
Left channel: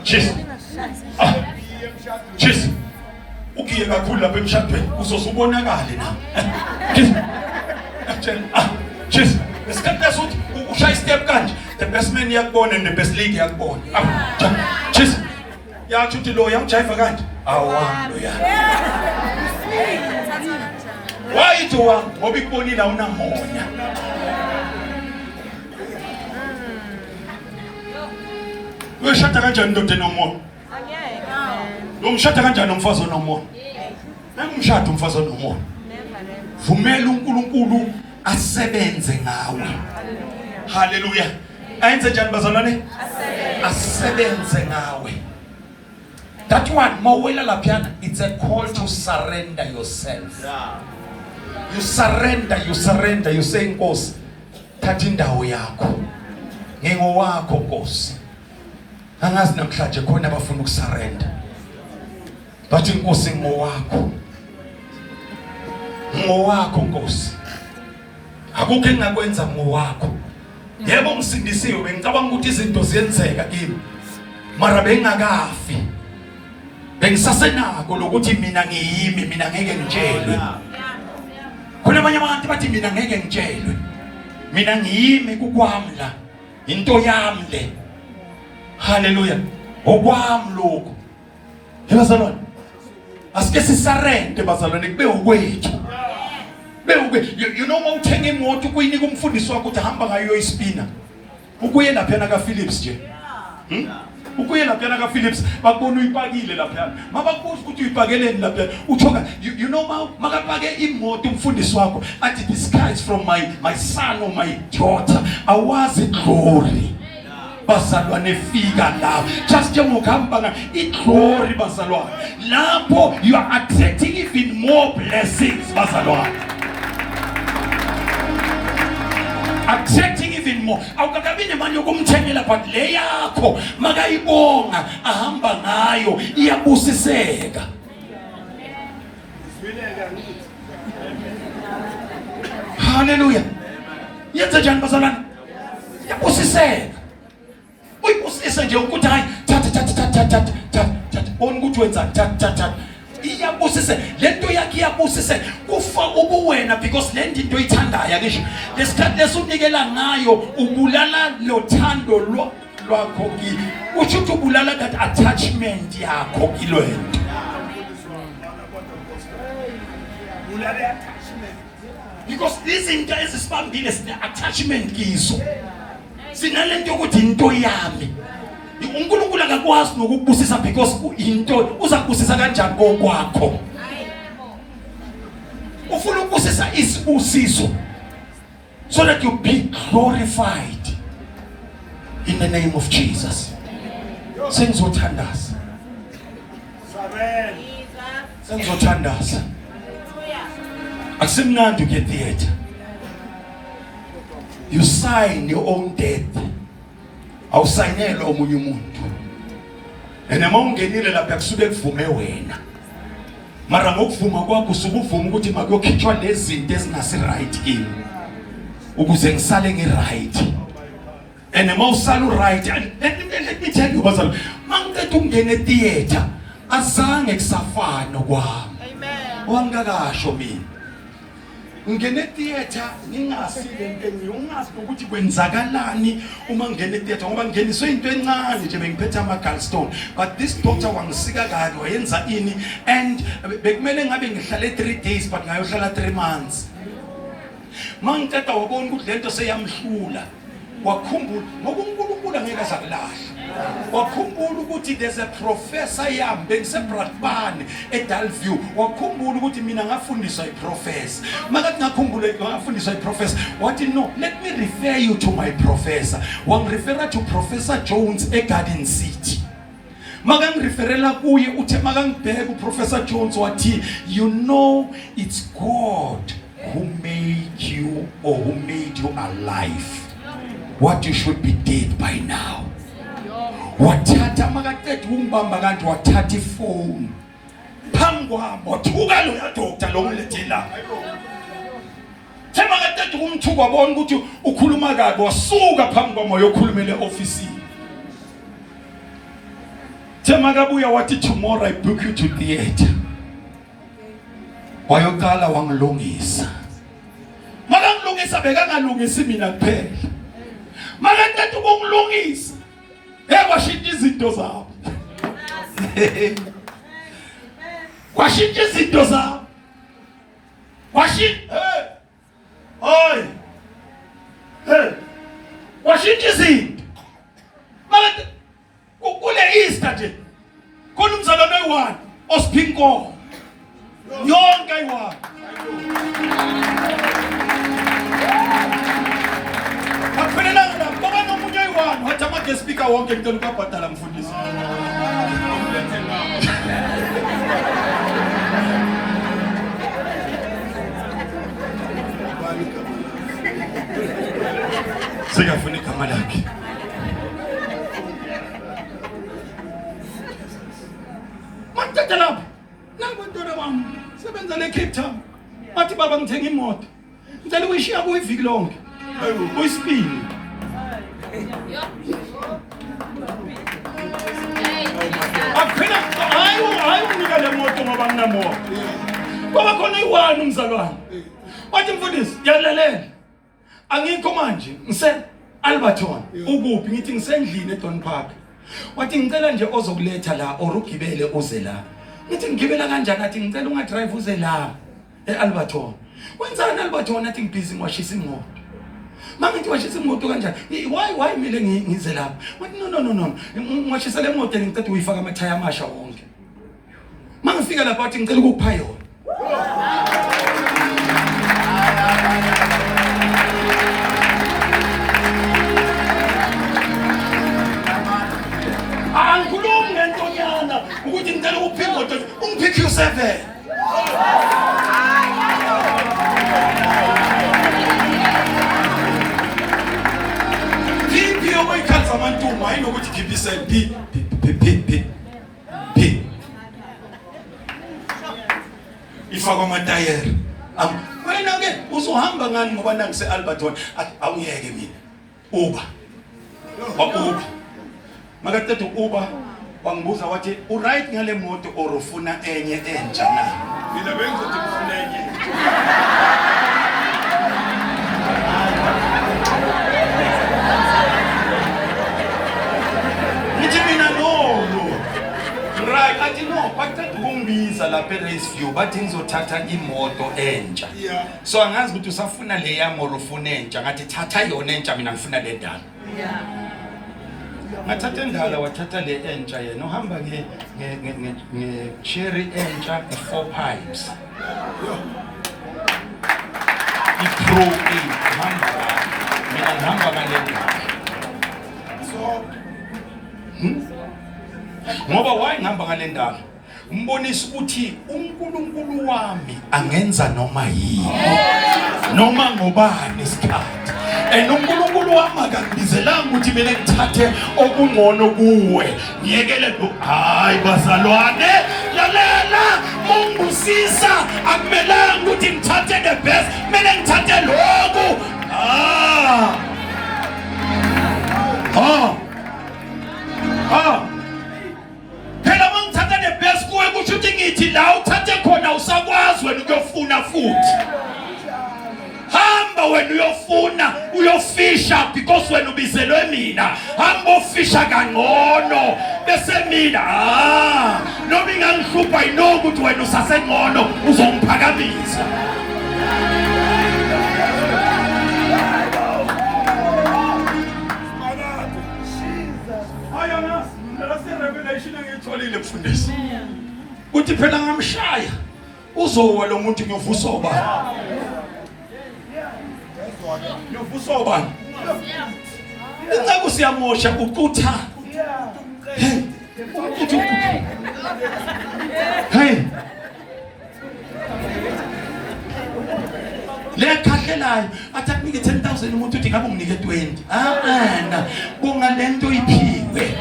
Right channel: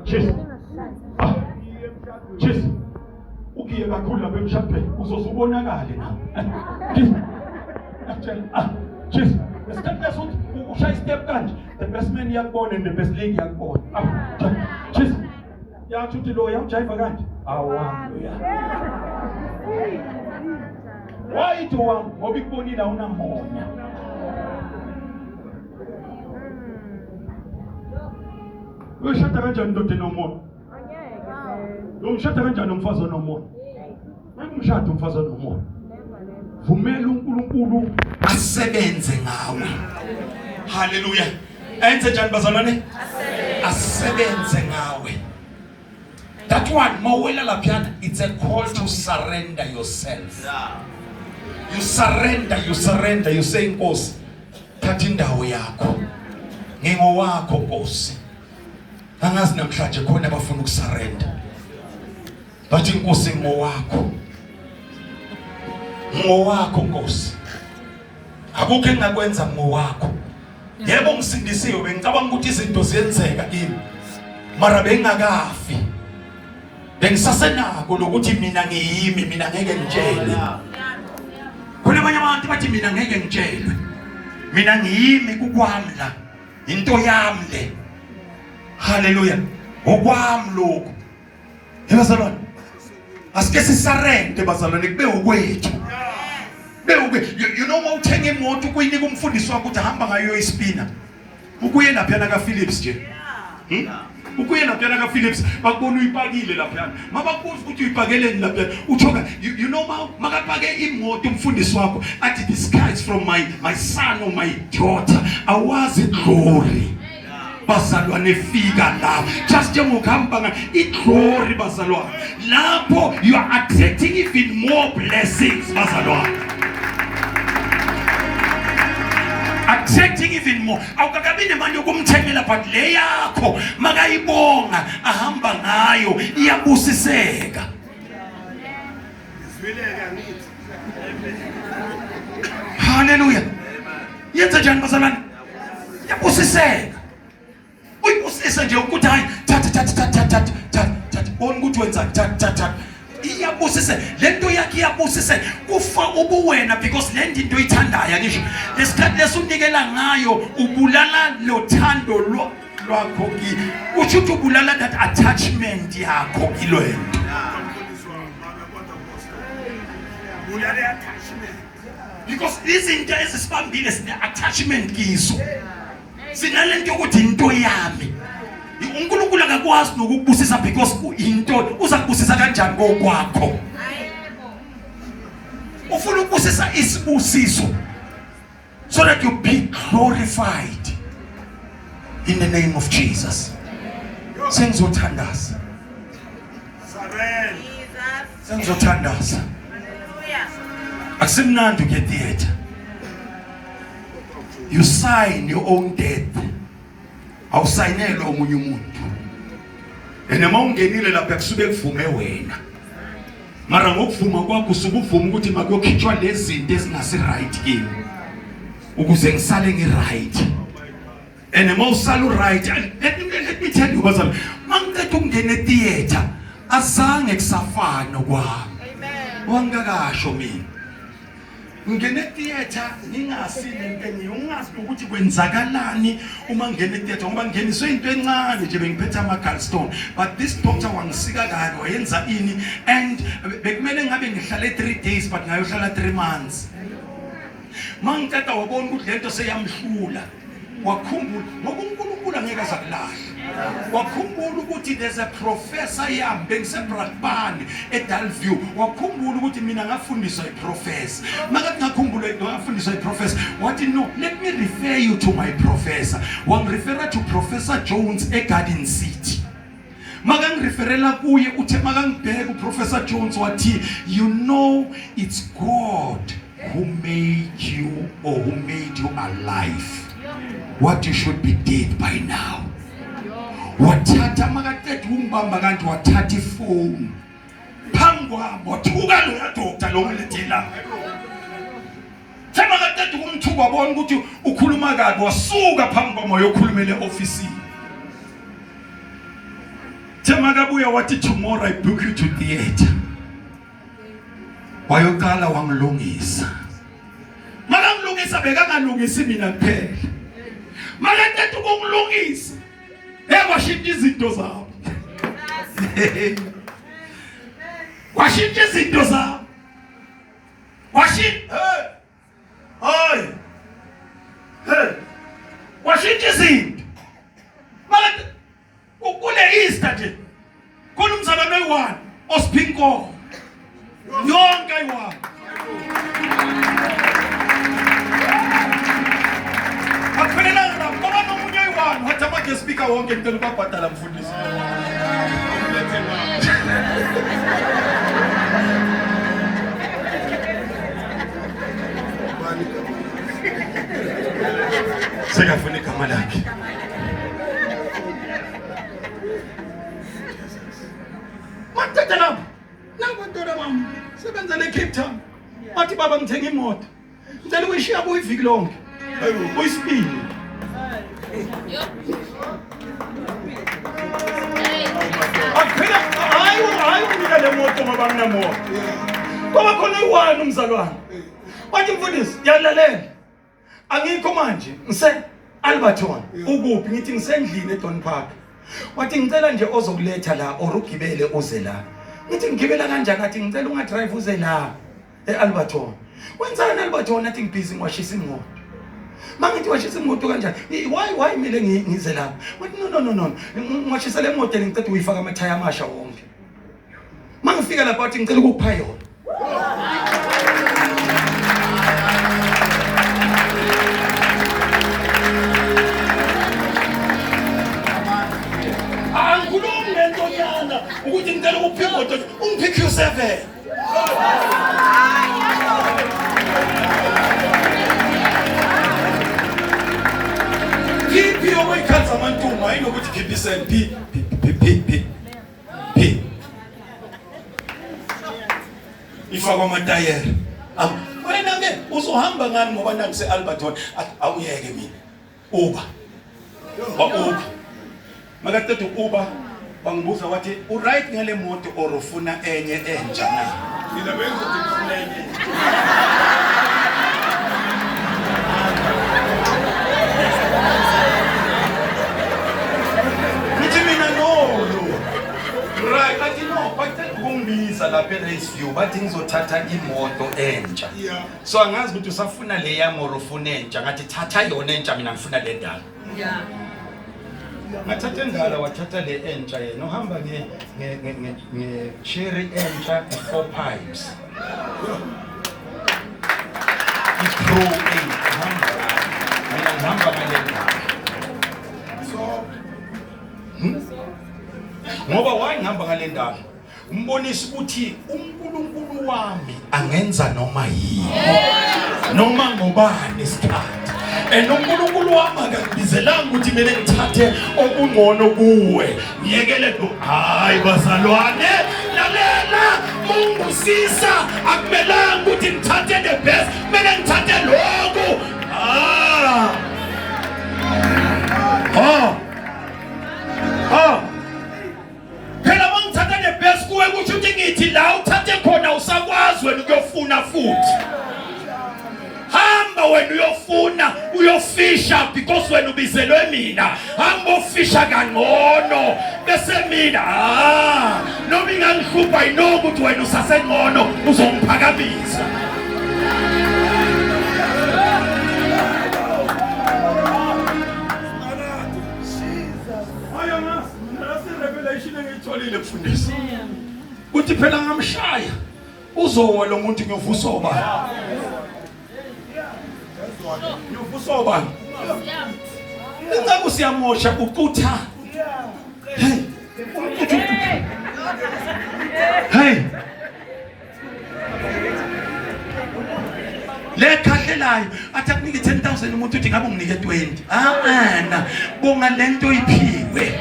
Cheers. Cheers. Ukiye kakhulu lapha emshadweni uzosubonakala na. Cheers. Esikhathi lesothi ushaya step kanje, the best man yakubona and the best lady yakubona. Cheers. Yathi uthi lo yamjiva kanje. Awami ya. Why to wam ngoba ikubonile awunamoya. Uyashada kanjani ndoda enomoya? Lo mshada kanjani umfazi onomoya? Nangumshado umfazi onomoya. Vumela uNkulunkulu asebenze ngawe. Hallelujah. Enze njani bazalwane? Asebenze ngawe. That one, mawela lapiana, it's a call to surrender yourself. You surrender, you say Nkosi, thatha indawo yakho. Ngingowakho Nkosi. Angazi namhlanje khona abafuna ukusurrender. Bathi Nkosi ngowakho. Ngowakho Nkosi. Akukho engakwenza ngowakho. Yebo ngisindisiwe bengicabanga ukuthi izinto ziyenzeka kimi. Mara bengakafi. Bengisasenako lokuthi mina ngiyimi, mina ngeke ngitshelwe. Khona abanye abantu bathi mina ngeke ngitshelwe. Mina ngiyimi kukwami la. Into yami le. Hallelujah. Okwami lokho. Bazalwane. Asike sisarende bazalwane kube ukwethu. You know uma uthenga imoto kuyinika umfundisi wakho ukuthi hamba ngayo ispina. Ukuye lapha na ka Philips nje. Ukuye lapha na ka Philips bakubona uyipakile lapha. Mabakubuza ukuthi uyipakeleni lapha. Uthoka you know makapake imoto umfundisi wakho athi this car is from my son or my daughter. Awazi glory. Bazalwane fika la. Just njengokuhamba iglory bazalwane. Lapho you are attracting even more blessings bazalwane. Attracting even more. Awukakabi nemali yokumthengela but le yakho makayibonga ahamba ngayo iyabusiseka. Hallelujah. Yenza njani bazalwane? Iyabusiseka. Uyibusisa nje ukuthi hayi thatha on ukuthi wenza thatha iyabusise lento yakhe iyabusise kufa ubuwena because le into oyithandayo ngisho lesikhathi lesunikela ngayo ubulala lo thando lwakho ki uthi ubulala that attachment yakho kilwena bulala attachment because izinto ezisibambile sine attachment kizo sinalento ukuthi into yami uNkulunkulu akakwazi nokukubusisa because into uzakubusisa kanjani kokwakho ufuna ukubusisa isibusiso so that you be glorified in the name of Jesus. Sengizothandaza sengizothandaza akusimnandi ke theater. You sign your own death. Awusayinela omunye umuntu. Enema ungenile lapha kusuke kuvume wena. Mara ngokuvuma kwakho usukuvuma ukuthi makuyokhitshwa lezi zinto ezingasi right in. Ukuze ngisale ngi-right. Enema usala right. Let me tell you bazalwane. Mangicela ungene theater azange kusafana kwami. Amen. Wangakasho mina. Ungene theater ningasile ngenye ungazi ukuthi kwenzakalani uma ngene theater ngoba ngeniswe into encane nje bengiphethe ama gallstone but this doctor wangisika kahle wayenza ini and bekumele ngabe ngihlale 3 days but ngayohlala 3 months. Mangiceda wabona ukuthi lento seyamhlula wakhumbula ngoba uNkulunkulu angeke azakulahla. Wakhumbula ukuthi there's a professor yami bengiseBrakpan eDalview. Wakhumbula ukuthi mina ngafundiswa iprofessor. Makathi ngakhumbula ngafundiswa iprofessor. Wathi no, let me refer you to my professor. Wangireferra to Professor Jones eGarden City. Makangireferela kuye uthe makangibheka uProfessor Jones wathi you know it's God who made you or who made you alive. What you should be dead by now. Wathatha makaqeda umbamba kanti wathatha ifone. Phangwa wathuka lo ya doctor lo ngilethela. Semakaqeda Maqeda umthuko wabona ukuthi ukhuluma kabi wasuka phambi kwamoya okhulumele office. Makabuya wathi tomorrow I book you to theater. Wayokala wangilungisa. Makangilungisa bekangalungisi mina kuphela. Makaqeda ukungilungisa. Washintsha izinto zabo. Washintsha izinto zabo. Washintsha izinto. Manje kule Easter nje. Khona umzalwane oyi-1 osiphinko. Yonke ayi-1. Akuphelelanga lapho ngoba nomuntu oyi-1 wathi ama-guest speaker wonke ngicela ukubabhadala mfundisi. Sekafuna igama lakhe. Mathatha lapho. Nangibantwana bami sebenza le Cape Town. Bathi baba ngithenga imoto. Ngicela uyishiya kuyiviki lonke. Uyisipini. Aphela hayi unika le moto ngoba nginamoto. Ngoba khona uyi-1 umzalwane. Wathi mfundisi ngiyalalela. Angikho manje ngise Alberton. Ukuphi ngithi ngisendlini eDon Park. Wathi ngicela nje ozokuletha la or ugibele uze la. Ngithi ngigibela kanjani athi ngicela ungadrive uze la eAlberton. Wenzani Alberton athi ngibhizi ngiwashisa imoto. Mangithi washisa imoto kanjani? Why mele ngize la? Wathi no. Ngiwashisa le moto ngicela uyifaka amathaya amasha wonke. Mangifika lapha athi ngicela ukupha yona. Angikhulumi ngentonyana ukuthi ngicela ukuphi imoto ungiphike u7. Phi okuyikhanza amantumba ayinokuthi khiphisele phi. Ifaka amatayere. Wena ke uzohamba ngani ngoba nangise Alberton awuyeke mina. Uber. Makaqeda Uber wangibuza wathi uright ngale moto or ufuna enye entsha na. Mina bengizothi ngifuna enye. Nithi mina no. Right, athi no, baqeda ukungibiza lapha eRaceview bathi ngizothatha imoto entsha. So angazi ukuthi usafuna le yami or ufuna entsha ngathi thatha yona entsha mina ngifuna le ndala. Mathatha endala wathatha le entsha yena uhamba nge cherry entsha 4 pipes. Pro hamba. Mina ngihamba ngale ndala. So ngoba wayengihamba ngale ndala umbonisa ukuthi uNkulunkulu wami angenza noma yini noma ngobani isikhathi. uNkulunkulu wami akangibizelanga ukuthi mina ngithathe okungcono kuwe. Ngiyekele lo hayi bazalwane lalela ungusisa akumelanga ukuthi ngithathe the best mina ngithathe lokho. Phela mangithatha the best kuwe kusho ukuthi ngithi la uthathe khona usakwazi wena ukuyofuna futhi. Hamba wena uyofisha because wena ubizelwe mina. Hamba ufisha kangcono bese mina noma ingangihlupha inokuthi wena usasengcono uzongiphakamisa. Revelation engitholile mfundisi. Uthi phela ngamshaya uzowa lo muntu ngivusa obani. Ngivusa obani. Ingakho siyamosha uqutha. Hey. Le khahlelayo athi akunike 10,000 umuntu uthi ngabe unginike 20. Ana bonga lento iphiwe.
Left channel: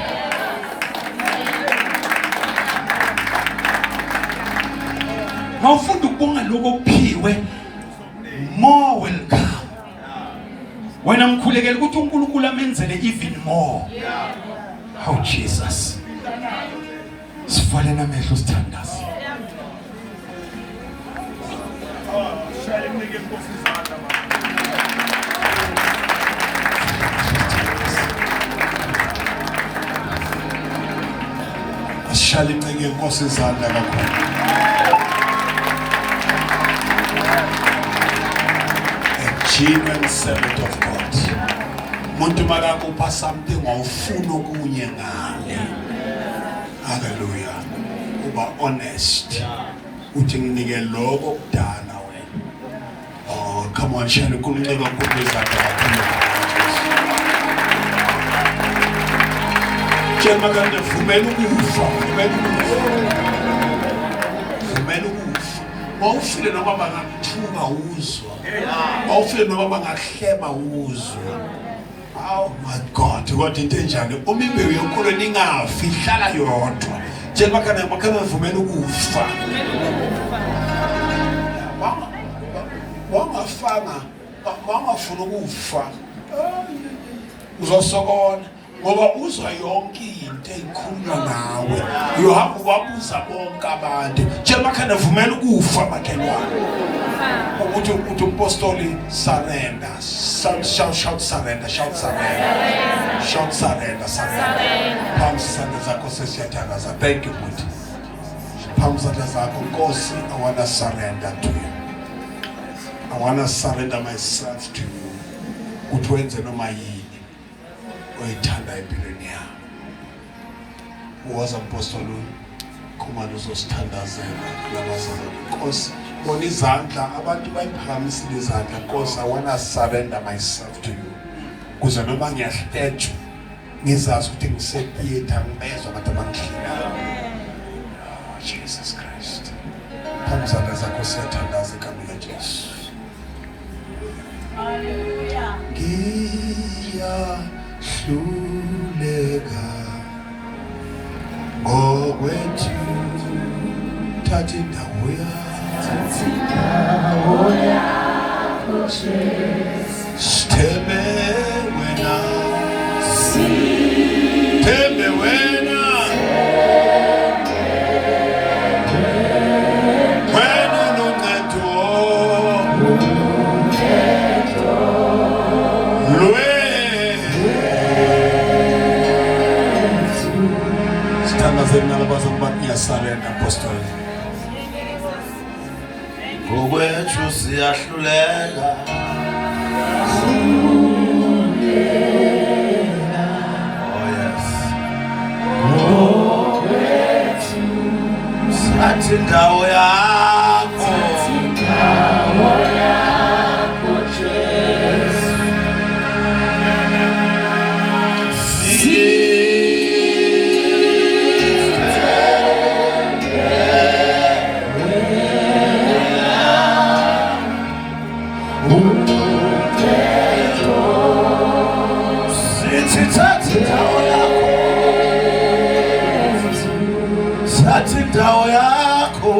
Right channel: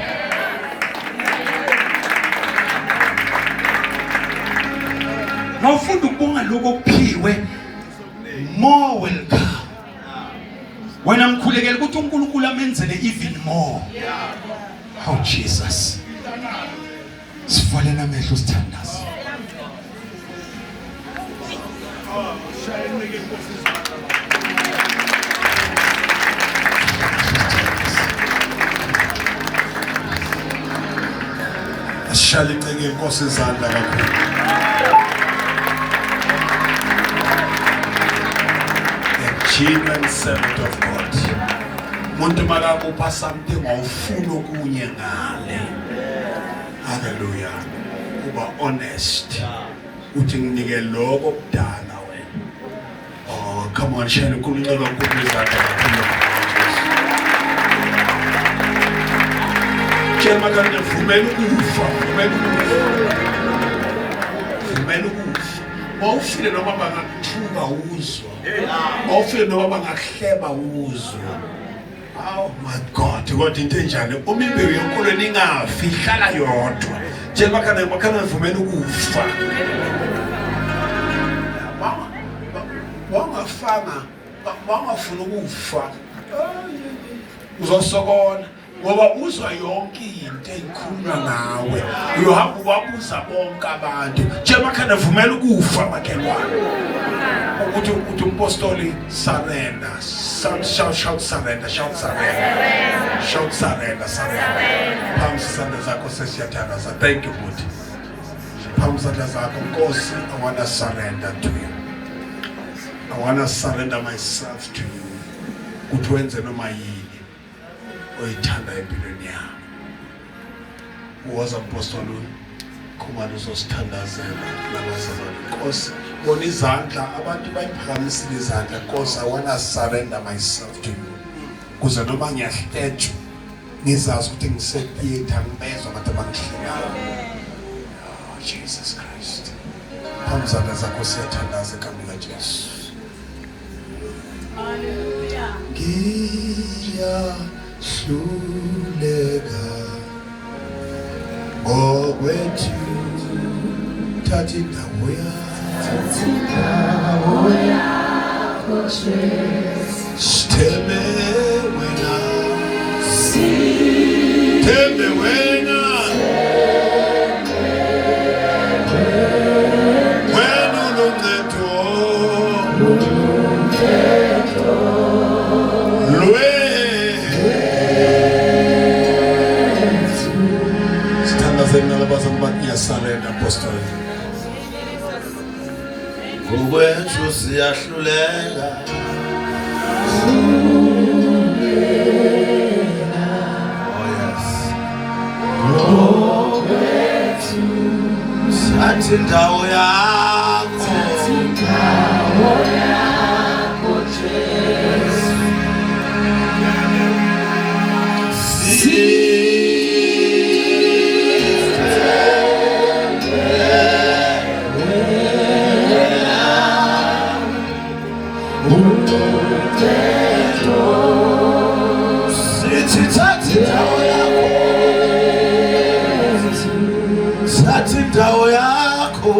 Nawufunda ukubonga lokho okuphiwe more will come. wena ngikhulekela ukuthi uNkulunkulu amenzele even more. Oh Jesus, sivalena amehlo sithandaze. Shali nceke inkosi izandla kakhulu. A genuine servant of God. Umuntu makakupha something awufuna okunye ngale. Hallelujah. Uba honest. Uthi nginike lokho kudala wena. Oh, come on, shali uNkulunkulu kakhulu izandla kakhulu. Tshela kanti vumela ukufa, vumela ukufa. Mawufile noma bangakuthuka uzwa. Mawufile noma bangakuhleba uzwa. Oh my God, kodwa into enjani? Uma imbewu yenkolweni ingafi, ihlala yodwa. Tshela makhana vumela ukufa. Wangafuna ukufa. Uzosokona. Ngoba uzwa yonke into eyikhulunywa nawe. Uhamba ubabuza bonke abantu. Tshela makhanda vumela ukufa makhelwane. Ukuthi umpostoli surrender. Shout surrender. Shout surrender. Phambi sandla zakho sesiyathandaza. Thank you Lord. Phambi sandla zakho Nkosi, I want to surrender to you. I want to surrender myself to you. Ukuthi wenze noma yini oyithanda empilweni yami. Uwazi apostoli khumalo uzosithandazela nabazalwane. Nkosi, bona izandla abantu bayiphakamisile izandla. Nkosi, I want to surrender myself to you. Kuze noma ngiyahletshwa ngizazi ukuthi ngisetheater ngibezwa abantu abangihlekayo. Oh Jesus Christ. Phambi zakho siyathandaza egameni likaJesu. Hallelujah. Hluleka ngokwethu thatha indawo yakho Jesu. Sithembe wena, sithembe wena, wena uncedo surrender apostle. Ngokwethu siyahluleka. Oh yes. Ngokwethu sathi indawo yakho. Indawo yakho,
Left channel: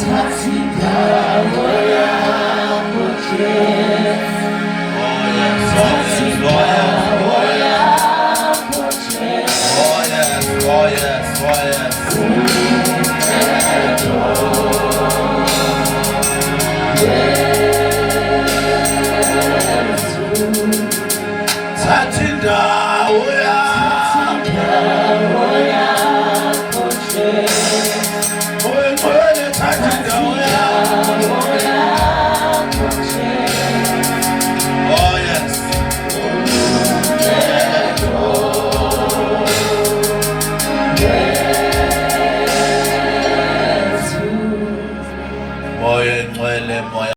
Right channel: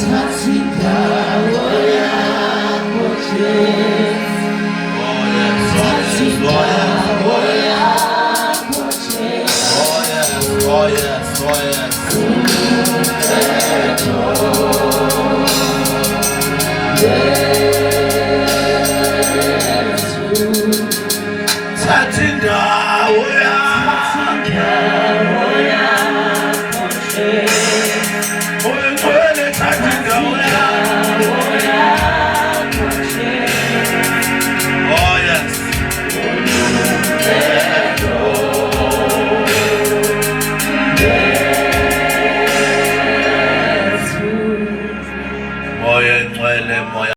thatha indawo yakho Jesu. Oh yes. Thatha indawo yakho.